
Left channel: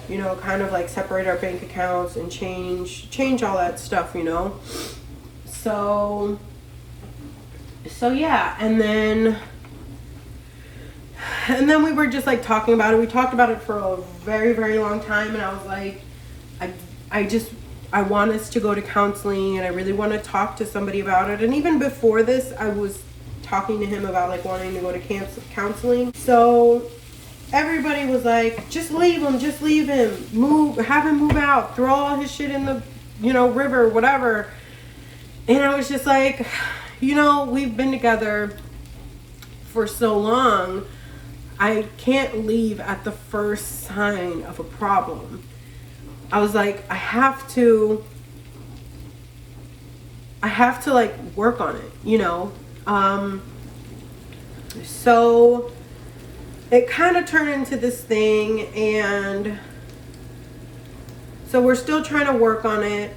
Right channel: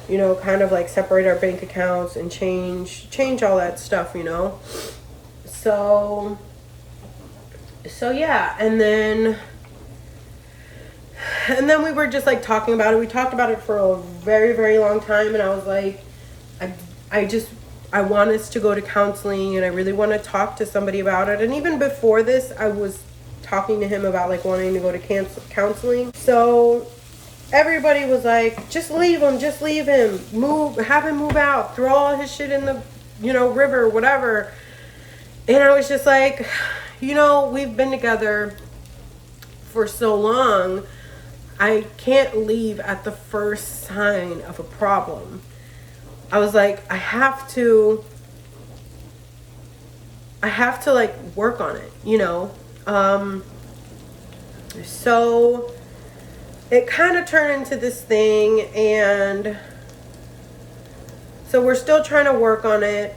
you know, kind of like separate our bank accounts and change all that stuff, you know. So yeah, and then we were just like talking about it. We talked about it for a very, very long time, and I was like, I want us to go to counseling, and I really want to talk to somebody about it. And even before this, I was talking to him about like wanting to go to counseling. So everybody was like, just leave him, have him move out, throw all his shit in the, you know, river, whatever. And I was just like, you know, we've been together for so long. I can't leave at the first sign of a problem. I was like, I have to like work on it, you know? So it kind of turned into this thing, and so we're still trying to work on it.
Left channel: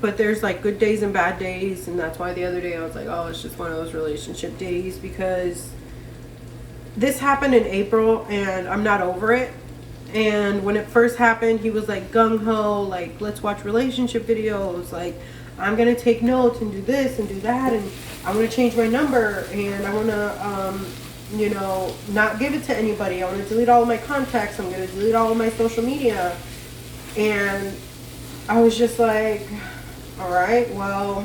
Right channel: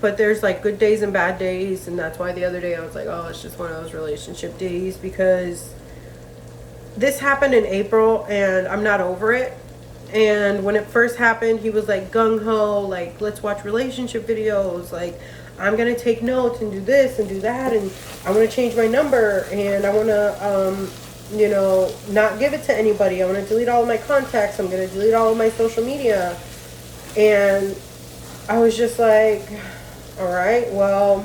But there's like good days and bad days, and that's why the other day I was like, oh, it's just one of those relationship days, because this happened in April and I'm not over it. And when it first happened, he was like gung-ho, like, let's watch relationship videos, like, I'm gonna take notes and do this and do that, and I'm gonna change my number, and I wanna you know, not give it to anybody. I want to delete all of my contacts. I'm going to delete all of my social media. And I was just like, all right, well.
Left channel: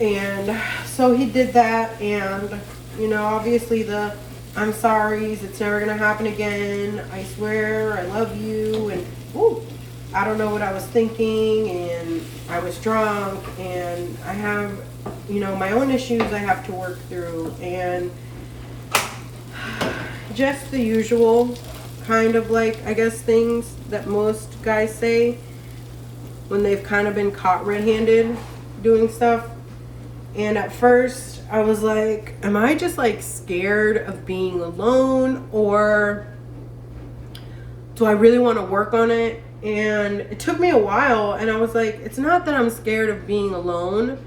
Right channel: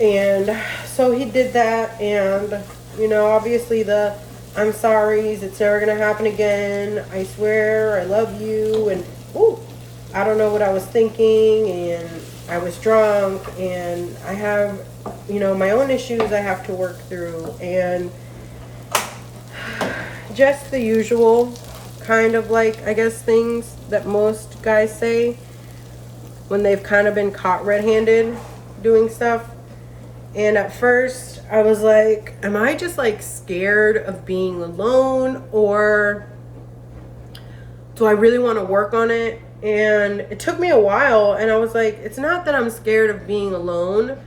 And so he did that. And, you know, obviously the I'm sorry's, it's never going to happen again. I swear, I love you. And, ooh, I don't know what I was thinking. And I was drunk. And I have, you know, my own issues I have to work through, and just the usual kind of, like, I guess, things that most guys say when they've kind of been caught red-handed doing stuff. And at first I was like, am I just like scared of being alone, or do I really want to work on it? And it took me a while, and I was like, it's not that I'm scared of being alone,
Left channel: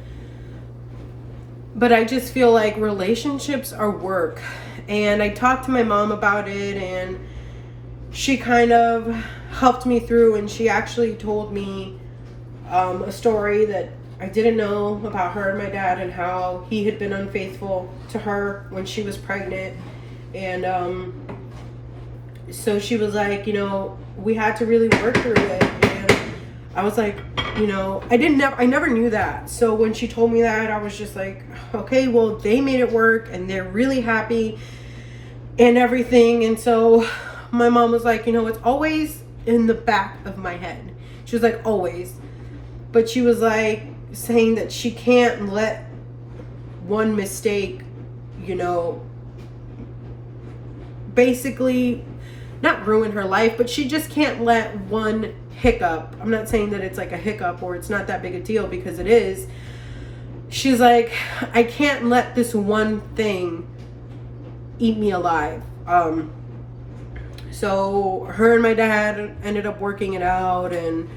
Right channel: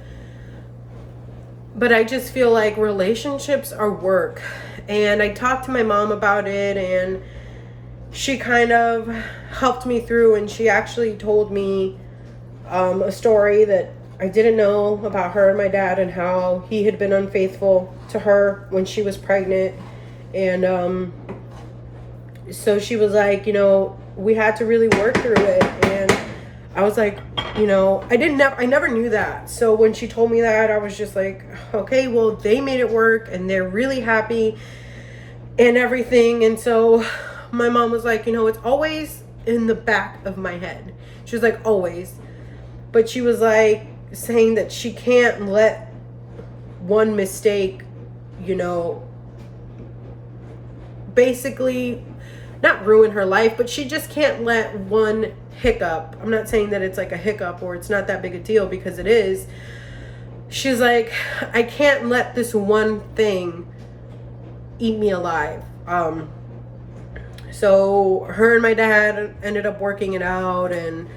but I just feel like relationships are work. And I talked to my mom about it, and she kind of helped me through, and she actually told me a story that I didn't know about her and my dad, and how he had been unfaithful to her when she was pregnant. And so she was like, you know, we had to really work through it. And I was like, you know, I never knew that. So when she told me that, I was just like, okay, well, they made it work, and they're really happy and everything. And so my mom was like, you know, it's always in the back of my head. She was like, always. But she was like saying that she can't let one mistake, you know, basically not ruin her life, but she just can't let one hiccup. I'm not saying that it's like a hiccup or it's not that big a deal, because it is. She's like, I can't let this one thing eat me alive. So her and my dad ended up working it out, and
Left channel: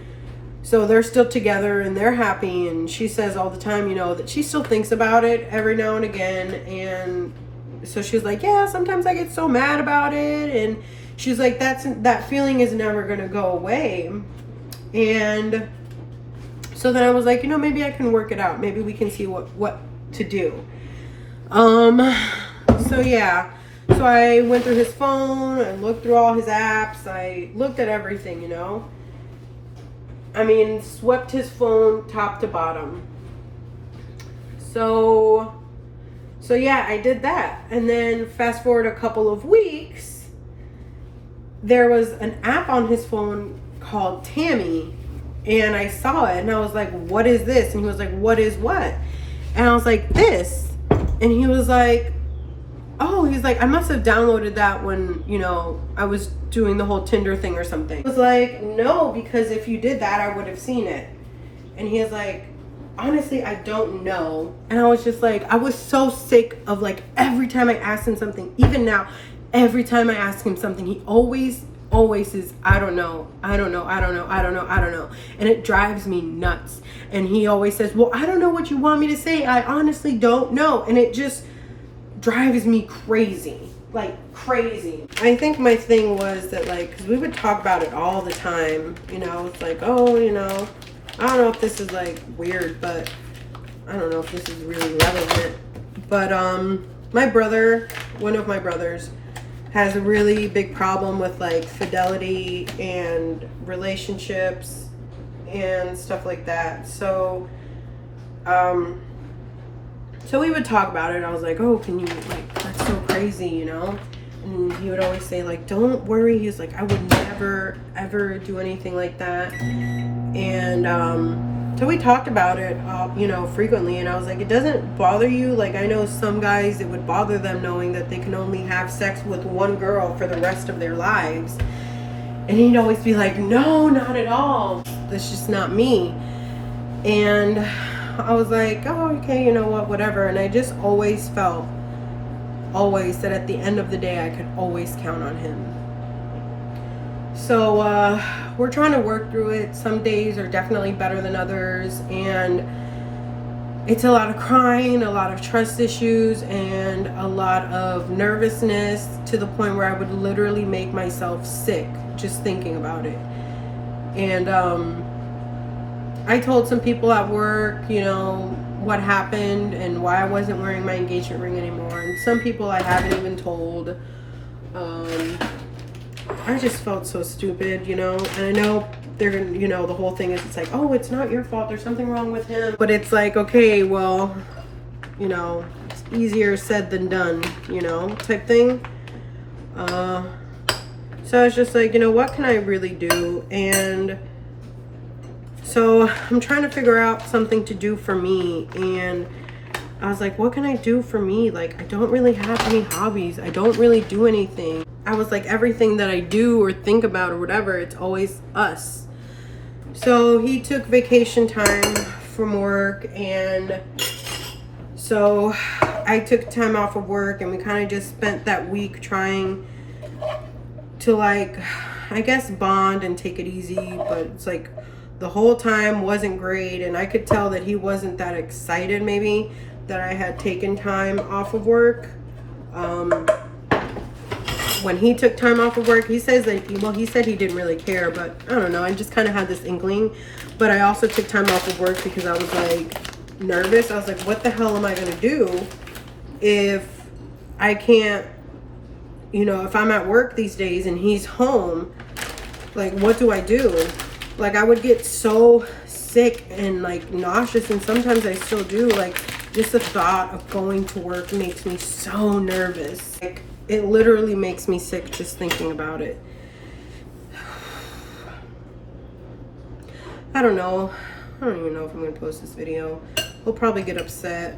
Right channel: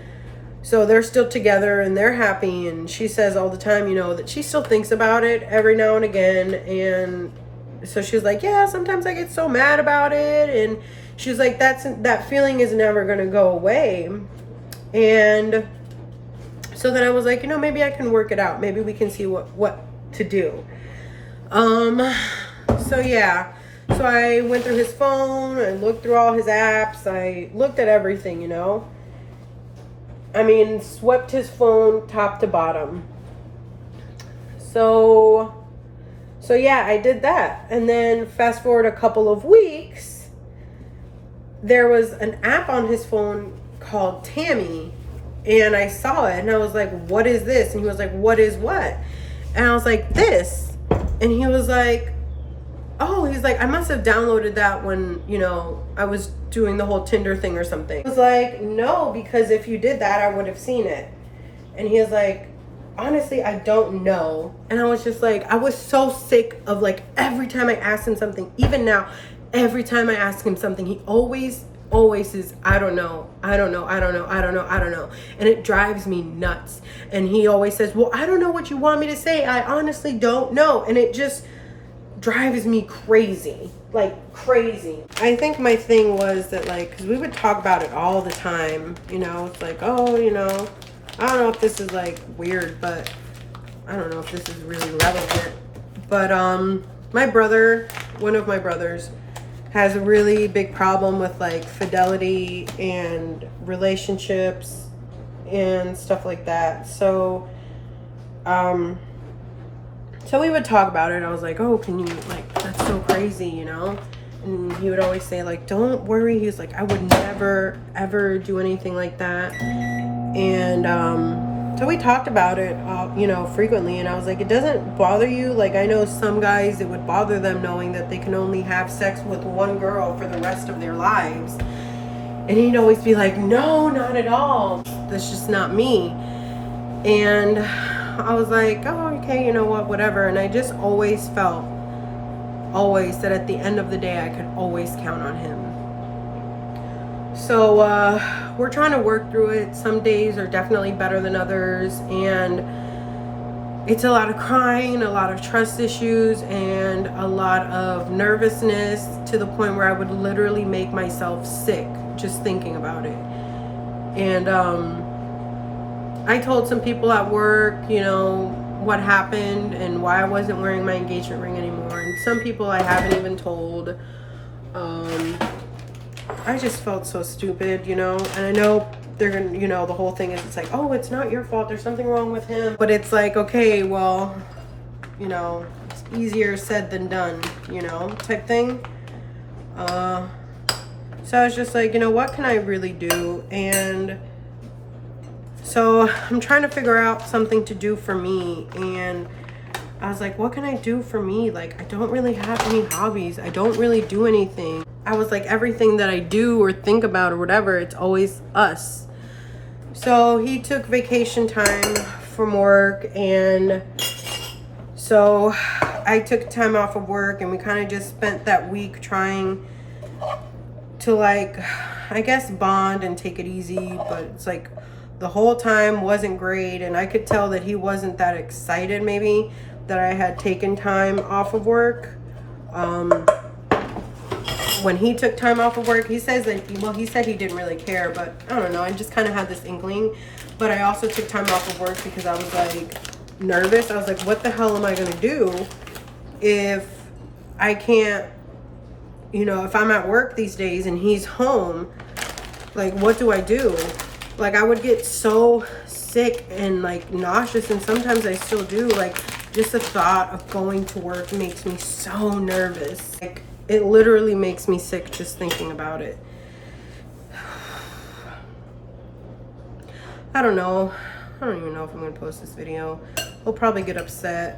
so they're still together and they're happy. And she says all the time, you know, that she still thinks about it every now and again. And so she was like, yeah, sometimes I get so mad about it. And she was like, that feeling is never going to go away. And so then I was like, you know, maybe I can work it out. Maybe we can see what to do. So yeah. So I went through his phone and looked through all his apps. I looked at everything, you know. I mean, swept his phone top to bottom. So yeah, I did that. And then fast forward a couple of weeks, there was an app on his phone called Tammy, and I saw it, and I was like, what is this? And he was like, what is what? And I was like, this. And he was like, oh, he's like, I must have downloaded that when, you know, I was doing the whole Tinder thing or something. I was like, no, because if you did that, I would have seen it. And he was like, honestly, I don't know. And I was just like, I was so sick of, like, every time I asked him something, even now, every time I ask him something, he always says, I don't know. And it drives me nuts. And he always says, well, I don't know what you want me to say. I honestly don't know. And it just drives me crazy, like crazy. I think my thing was that, like, because we would talk about it all the time, you know, it's like, oh, you know, I don't know if this is like weird, but I don't know if this is really relevant. But my brother, one of my brothers, has a really big problem with, like, fidelity and relationships and stuff like that. So we would talk about it, and I was like, oh, can you, like, that's so crazy, you know? And he would always say, like, don't worry. He's like, I would never, ever do anything like that. And so we talked about it, you know, frequently. And I was like, it doesn't bother you? Like, I know some guys, it would bother them knowing that they can only have sex with one girl for the rest of their lives. And he'd always be like, no, not at all. That's just not me. And I was like, oh, okay, you know what, whatever. And I just always felt, that at the end of the day, I could always count on him. So we're trying to work through it. Some days are definitely better than others. And it's a lot of crying, a lot of trust issues, and a lot of nervousness, to the point where I would literally make myself sick just thinking about it. And I told some people at work, you know, what happened and why I wasn't wearing my engagement ring anymore. And some people I haven't even told. I just felt so stupid, you know. And I know they're gonna, you know, the whole thing is, it's like, oh, it's not your fault, there's something wrong with him. But it's like, okay, well, you know, it's easier said than done, you know, type thing. So I was just like, you know, what can I really do? And so I'm trying to figure out something to do for me. And I was like, what can I do for me? Like, I don't really have any hobbies. I don't really do anything. I was like, everything that I do or think about or whatever, it's always us. So he took vacation time from work, and so I took time off of work, and we kind of just spent that week trying to, like, I guess bond and take it easy. But it's like the whole time wasn't great, and I could tell that he wasn't that excited maybe that I had taken time off of work. When he took time off of work, he says that, well, he said he didn't really care, but I don't know. I just kind of had this inkling. But I also took time off of work because I was like nervous. I was like, what the hell am I going to do if I can't, you know, if I'm at work these days and he's home? Like, what do I do? Like, I would get so sick and like nauseous, and sometimes I still do. Like, just the thought of going to work makes me so nervous. Like, it literally makes me sick just thinking about it. I don't know. I don't even know if I'm going to post this video. He'll probably get upset.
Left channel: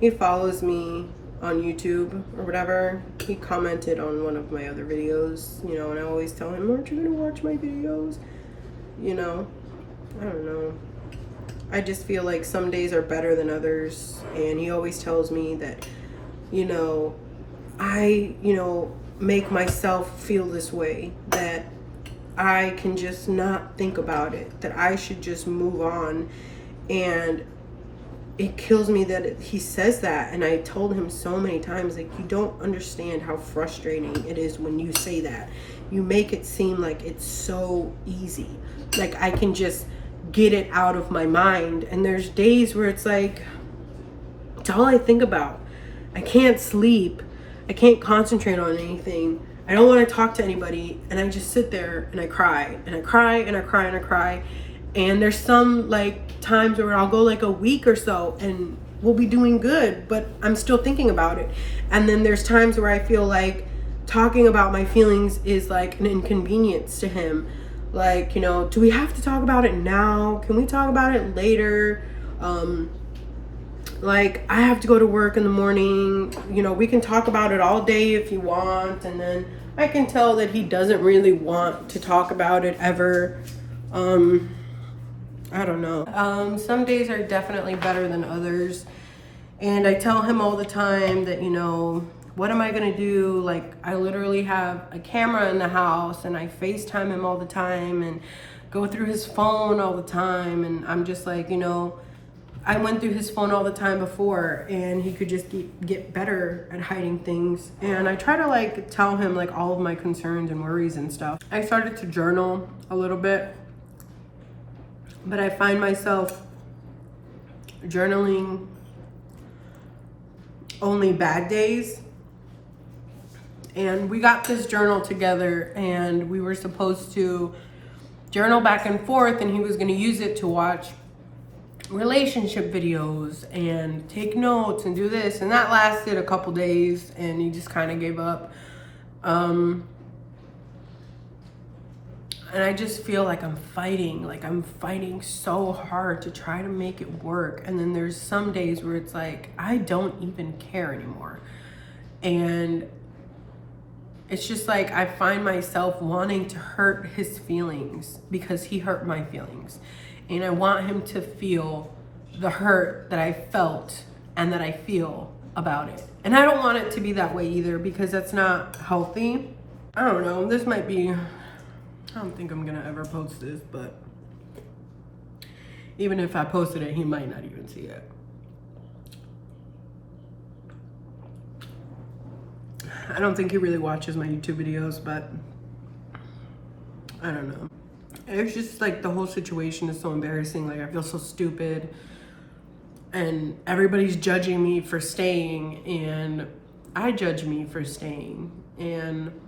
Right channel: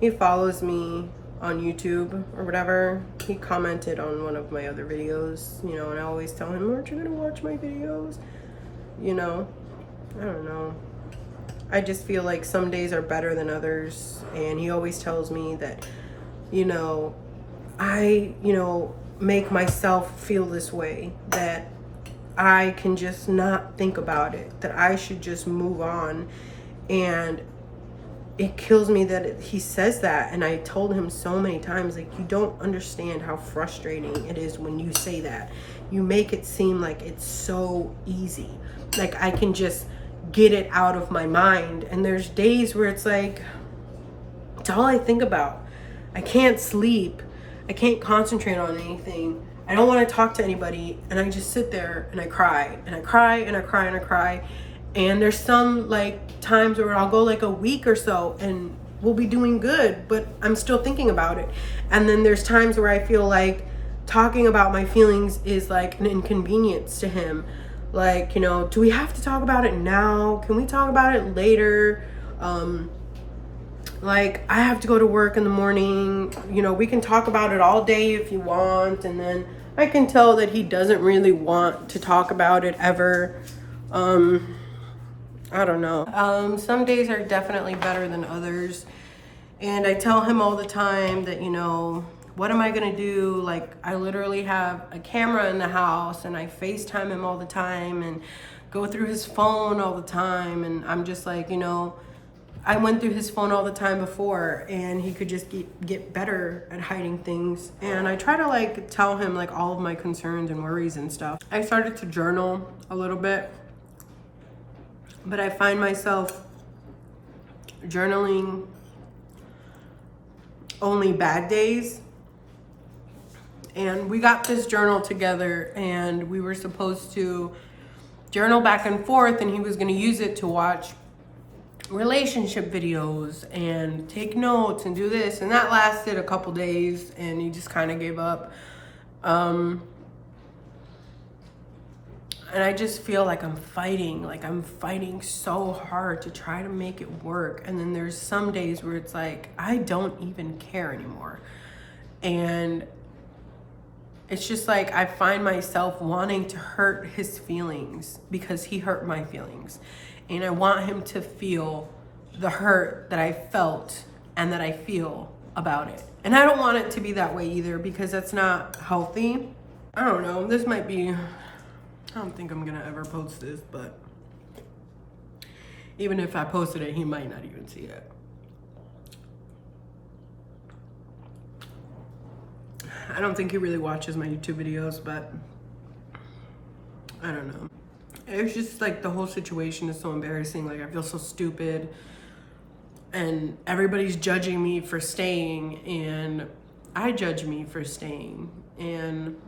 He follows me on YouTube or whatever. He commented on one of my other videos, you know, and I always tell him, aren't you going to watch my videos? You know, I don't know. I just feel like some days are better than others. And he always tells me that, you know, I, you know, make myself feel this way, that I can just not think about it, that I should just move on. And it kills me that he says that. And I told him so many times, like, you don't understand how frustrating it is when you say that. You make it seem like it's so easy, like I can just get it out of my mind. And there's days where it's like, it's all I think about. I can't sleep. I can't concentrate on anything. I don't want to talk to anybody. And I just sit there and I cry and I cry and I cry and I cry. And there's some like times where I'll go like a week or so and we'll be doing good, but I'm still thinking about it. And then there's times where I feel like talking about my feelings is like an inconvenience to him. Like, you know, do we have to talk about it now? Can we talk about it later? Like, I have to go to work in the morning. You know, we can talk about it all day if you want. And then I can tell that he doesn't really want to talk about it ever. I don't know. Some days are definitely better than others. And I tell him all the time that, you know, what am I gonna do? Like, I literally have a camera in the house and I FaceTime him all the time and go through his phone all the time. And I'm just like, you know, I went through his phone all the time before, and he could just get better at hiding things. And I try to like tell him like all of my concerns and worries and stuff. I started to journal a little bit, but I find myself journaling only bad days. And we got this journal together, and we were supposed to journal back and forth, and he was going to use it to watch relationship videos and take notes and do this. And that lasted a couple days, and he just kind of gave up. And I just feel like I'm fighting so hard to try to make it work. And then there's some days where it's like, I don't even care anymore. And it's just like, I find myself wanting to hurt his feelings because he hurt my feelings. And I want him to feel the hurt that I felt and that I feel about it. And I don't want it to be that way either, because that's not healthy. I don't know, this might be, I don't think I'm gonna ever post this, but even if I posted it, he might not even see it. I don't think he really watches my YouTube videos, but I don't know. It's just like the whole situation is so embarrassing. Like I feel so stupid and everybody's judging me for staying and I judge me for staying and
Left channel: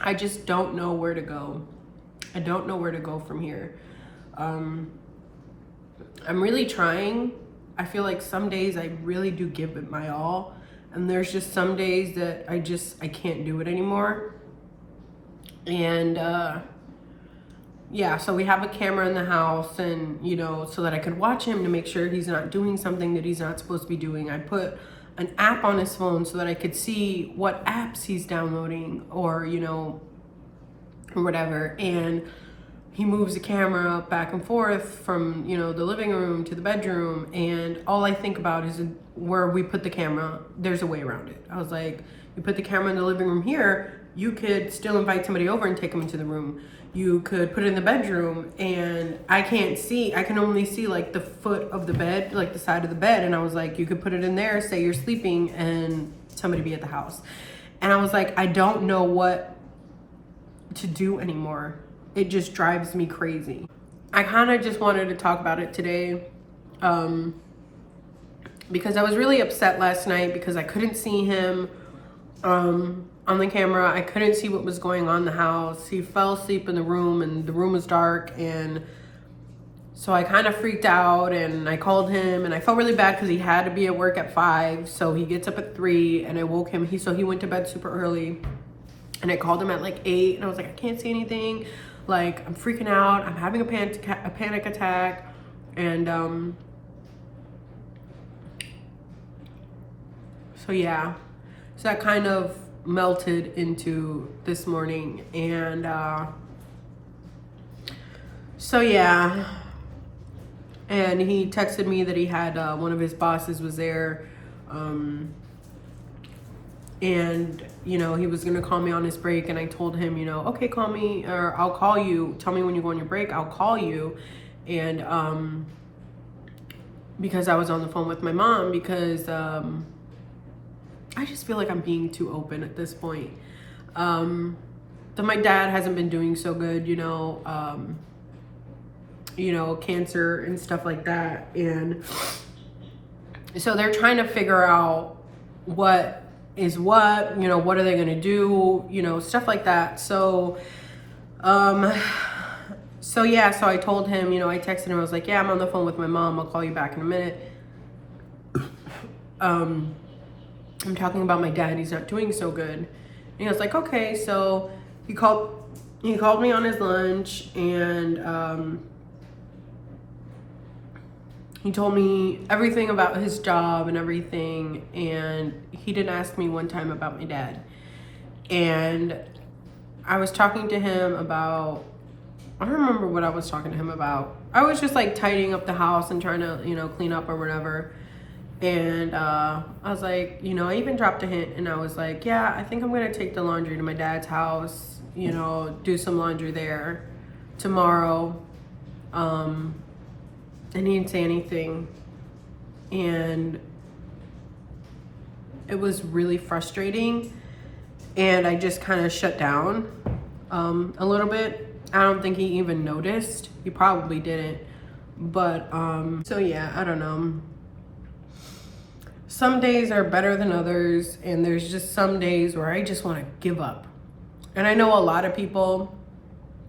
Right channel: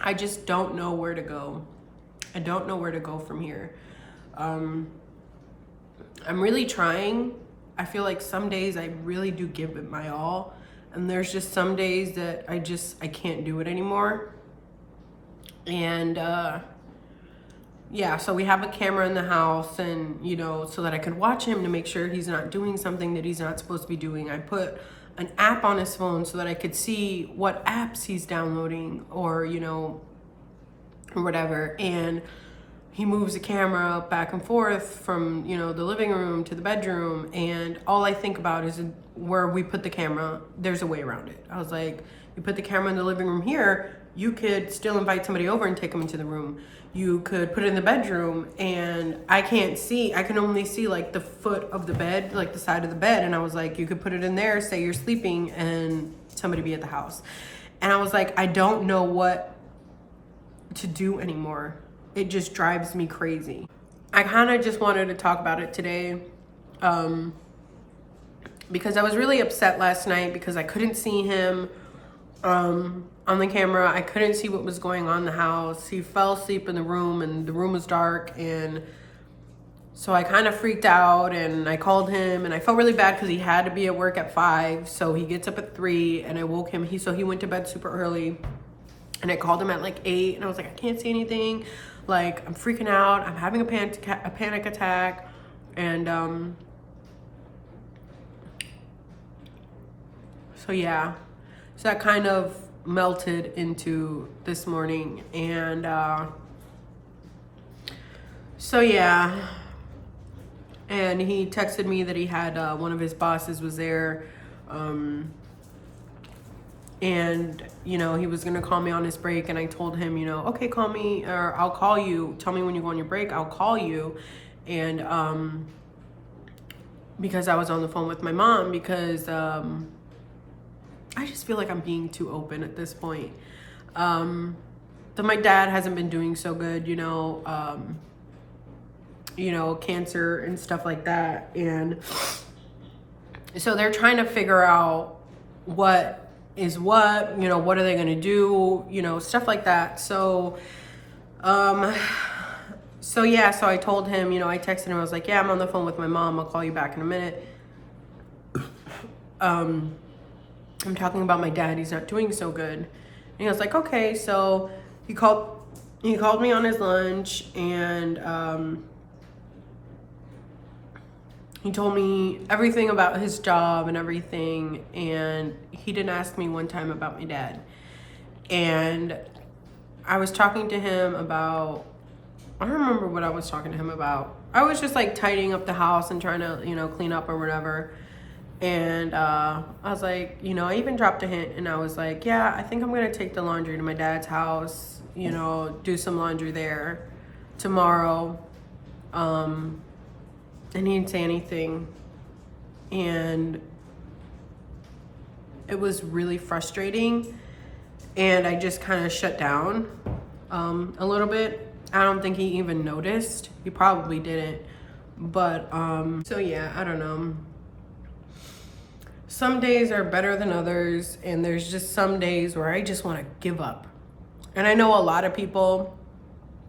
I just don't know where to go. I don't know where to go from here. I'm really trying. I feel like some days I really do give it my all. And there's just some days that I can't do it anymore. And yeah, so we have a camera in the house and, you know, so that I could watch him to make sure he's not doing something that he's not supposed to be doing. I put an app on his phone so that I could see what apps he's downloading or, you know, or whatever. And he moves the camera back and forth from, you know, the living room to the bedroom. And all I think about is where we put the camera. There's a way around it. I was like, you put the camera in the living room here, you could still invite somebody over and take them into the room. You could put it in the bedroom and I can't see, I can only see like the foot of the bed, like the side of the bed. And I was like, you could put it in there, say you're sleeping and somebody be at the house. And I was like, I don't know what to do anymore. It just drives me crazy. I kind of just wanted to talk about it today because I was really upset last night because I couldn't see him on the camera. I couldn't see what was going on in the house. He fell asleep in the room and the room was dark. And so I kind of freaked out and I called him and I felt really bad because he had to be at work at 5. So he gets up at 3 and I woke him. So he went to bed super early and I called him at like 8 and I was like, I can't see anything. Like I'm freaking out. I'm having a panic attack. And so yeah, so that kind of melted into this morning. And so yeah, and he texted me that he had one of his bosses was there and you know he was gonna call me on his break, and I told him, you know, okay, call me or I'll call you, tell me when you go on your break, I'll call you. And because I was on the phone with my mom because I just feel like I'm being too open at this point. That my dad hasn't been doing so good, you know, cancer and stuff like that. And so they're trying to figure out what is what, you know, what are they going to do, you know, stuff like that. So, so yeah, so I told him, you know, I texted him, I was like, yeah, I'm on the phone with my mom. I'll call you back in a minute. I'm talking about my dad. He's not doing so good. And he was like, okay. So he called me on his lunch and, he told me everything about his job and everything. And he didn't ask me one time about my dad. And I was talking to him about, I don't remember what I was talking to him about. I was just like tidying up the house and trying to, you know, clean up or whatever. And I was like, you know, I even dropped a hint and I was like, yeah, I think I'm going to take the laundry to my dad's house, you know, do some laundry there tomorrow. And he didn't say anything. And it was really frustrating. And I just kind of shut down a little bit. I don't think he even noticed. He probably didn't. But so yeah, I don't know. Some days are better than others, and there's just some days where I just want to give up. And I know a lot of people,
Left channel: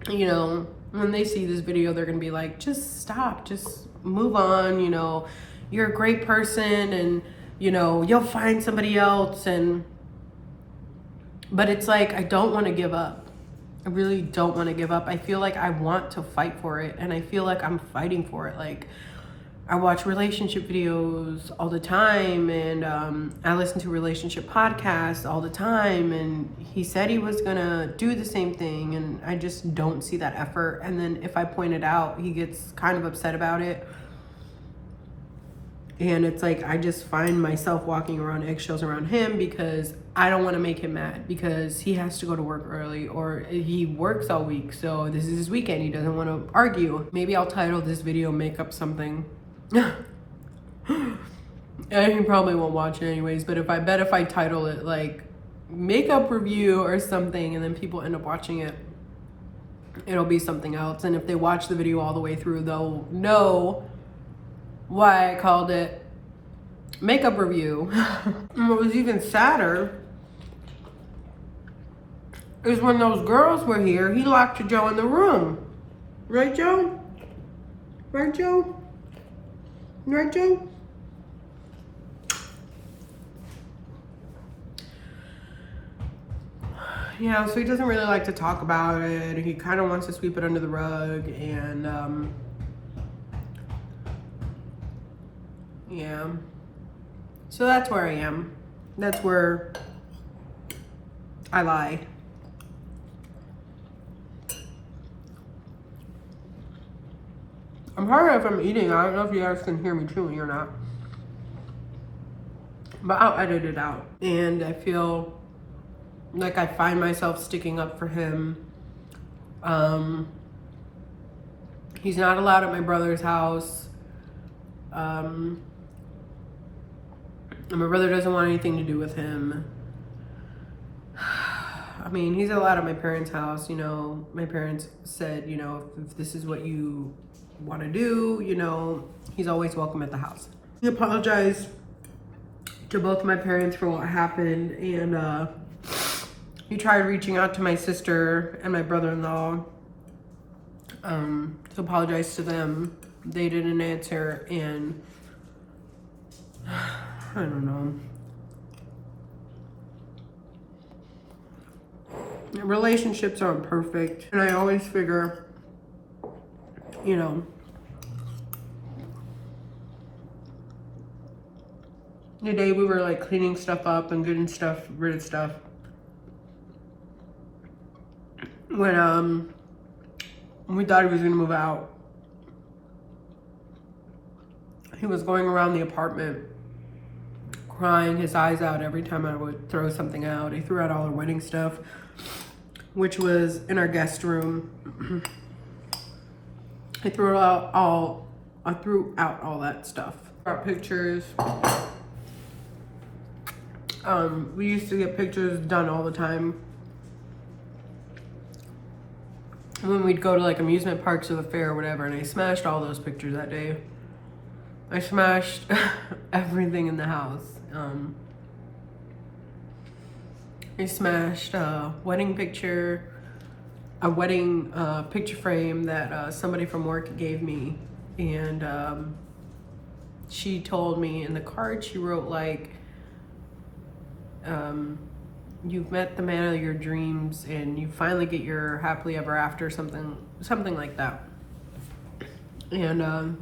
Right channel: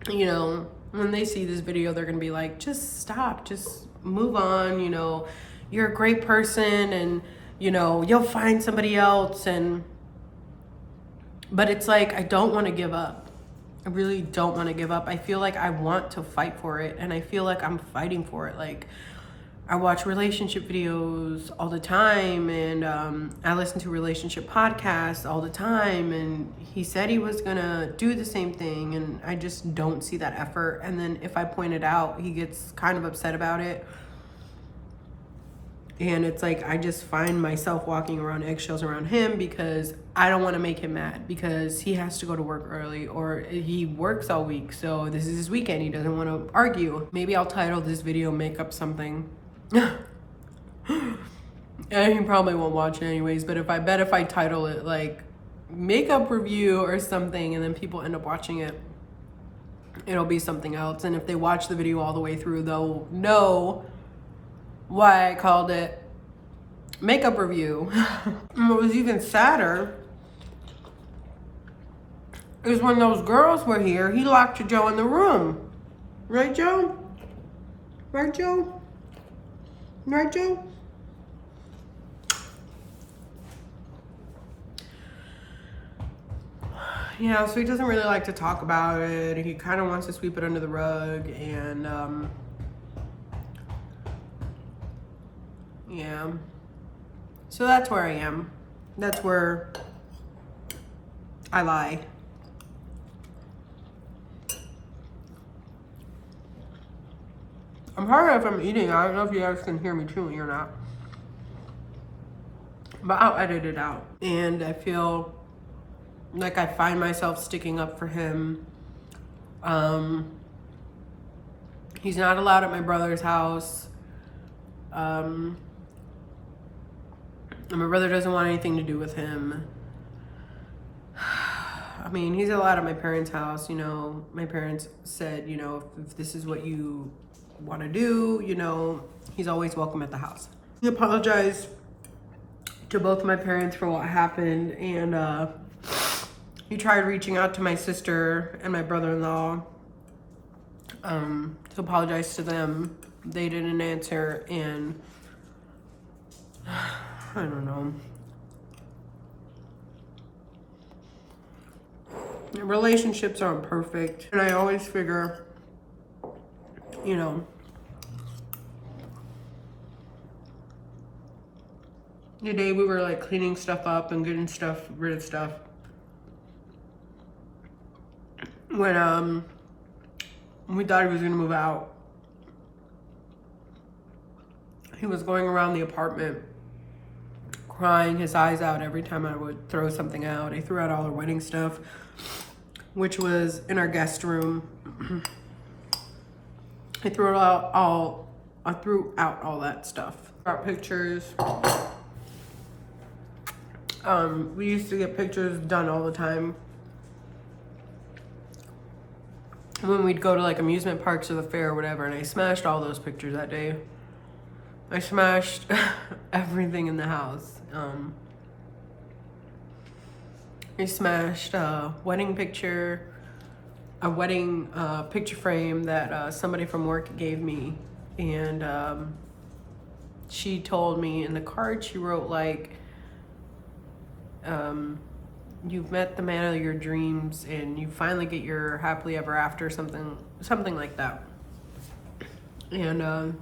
you know, when they see this video, they're going to be like, just stop, just move on, you know, you're a great person and, you know, you'll find somebody else. But it's like, I don't want to give up. I really don't want to give up. I feel like I want to fight for it, and I feel like I'm fighting for it. Like, I watch relationship videos all the time, and I listen to relationship podcasts all the time, and he said he was gonna do the same thing, and I just don't see that effort. And then if I point it out, he gets kind of upset about it. And it's like, I just find myself walking around eggshells around him because I don't want to make him mad because he has to go to work early, or he works all week, so this is his weekend. He doesn't want to argue. Maybe I'll title this video "Make Up Something." And he probably won't watch it anyways, but if I title it like makeup review or something, and then people end up watching it, it'll be something else. And if they watch the video all the way through, they'll know why I called it makeup review. And what was even sadder is when those girls were here, he locked Joe in the room. Right, Joe? Right, Joe? Right, Joe? Yeah, so he doesn't really like to talk about it. He kind of wants to sweep it under the rug, and yeah. So that's where I am. That's where I lie. I'm sorry if I'm eating. I don't know if you guys can hear me chewing or not. But I'll edit it out. And I feel like I find myself sticking up for him. He's not allowed at my brother's house. And my brother doesn't want anything to do with him. I mean, he's allowed at my parents' house. You know, my parents said, you know, if this is what you want to do, you know, he's always welcome at the house. He apologized to both my parents for what happened, and he tried reaching out to my sister and my brother-in-law to apologize to them. They didn't answer, and I don't know. Relationships aren't perfect, and I always figure, you know, the day we were like cleaning stuff up and getting stuff rid of stuff, when we thought he was gonna move out, he was going around the apartment crying his eyes out every time I would throw something out. He threw out all our wedding stuff, which was in our guest room. I threw out all that stuff. Brought pictures. We used to get pictures done all the time when we'd go to like amusement parks or the fair or whatever, and I smashed all those pictures that day. I smashed everything in the house. I smashed a wedding picture frame that somebody from work gave me, and she told me in the card, she wrote like, you've met the man of your dreams and you finally get your happily ever after, something like that. And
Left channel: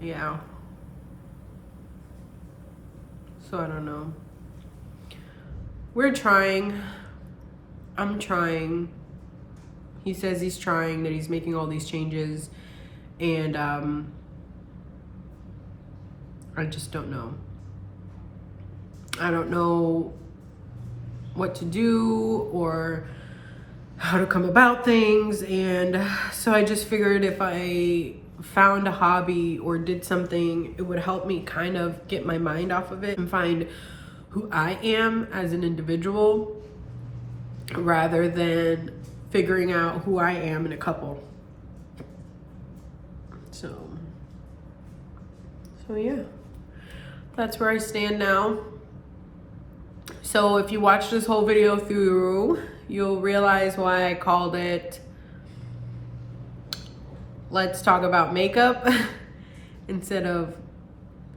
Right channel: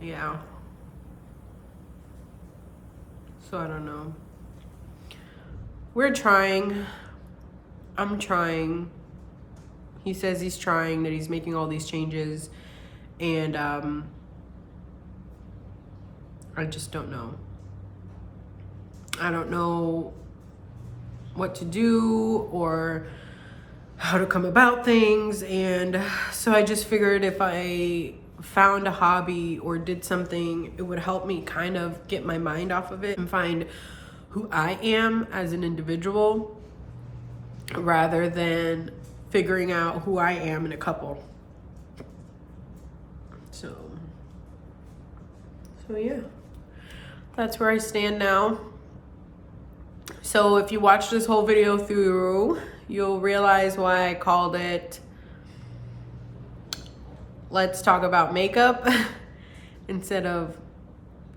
yeah, so I don't know. We're trying. I'm trying. He says he's trying, that he's making all these changes, and I just don't know. I don't know what to do or how to come about things, and so I just figured if I found a hobby or did something, it would help me kind of get my mind off of it and find who I am as an individual, rather than figuring out who I am in a couple. So yeah, that's where I stand now. So if you watch this whole video through, you'll realize why I called it Let's Talk About Makeup instead of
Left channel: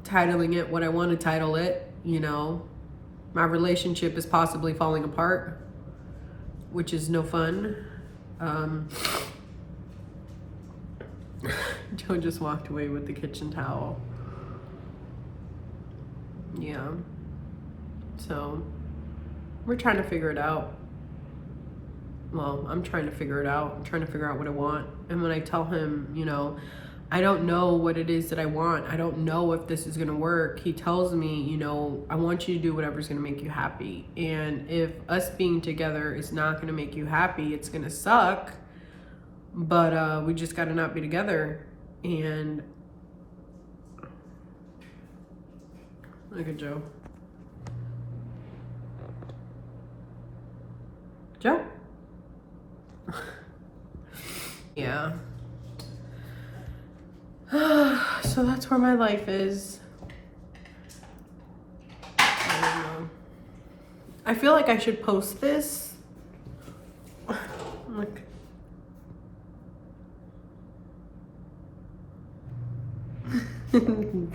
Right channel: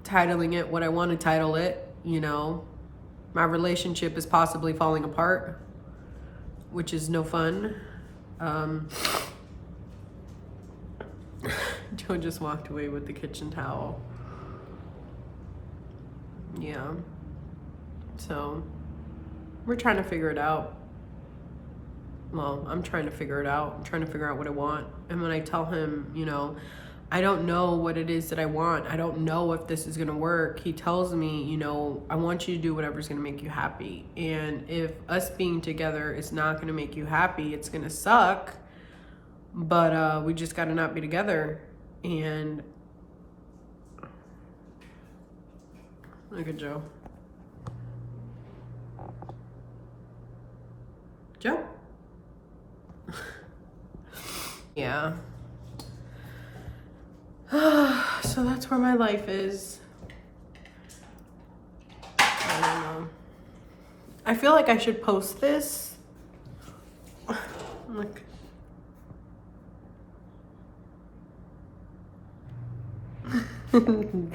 titling it what I want to title it. You know, my relationship is possibly falling apart, which is no fun. Joe just walked away with the kitchen towel. Yeah. So we're trying to figure it out. Well, I'm trying to figure it out. I'm trying to figure out what I want. And when I tell him, you know, I don't know what it is that I want, I don't know if this is going to work, he tells me, you know, I want you to do whatever's going to make you happy. And if us being together is not going to make you happy, it's going to suck. But we just got to not be together. And look at Joe. Joe? Yeah. So that's where my life is. I don't know. I feel like I should post this. Look.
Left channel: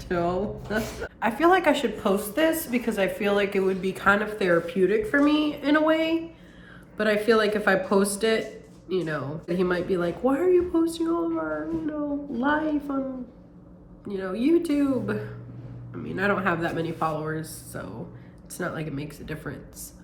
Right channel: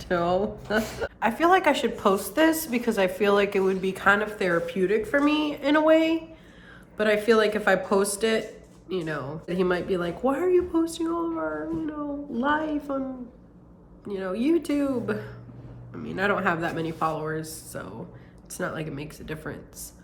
Joe. I feel like I should post this because I feel like it would be kind of therapeutic for me in a way. But I feel like if I post it, you know, he might be like, why are you posting all of our, you know, life on, you know, YouTube? I mean, I don't have that many followers, so it's not like it makes a difference.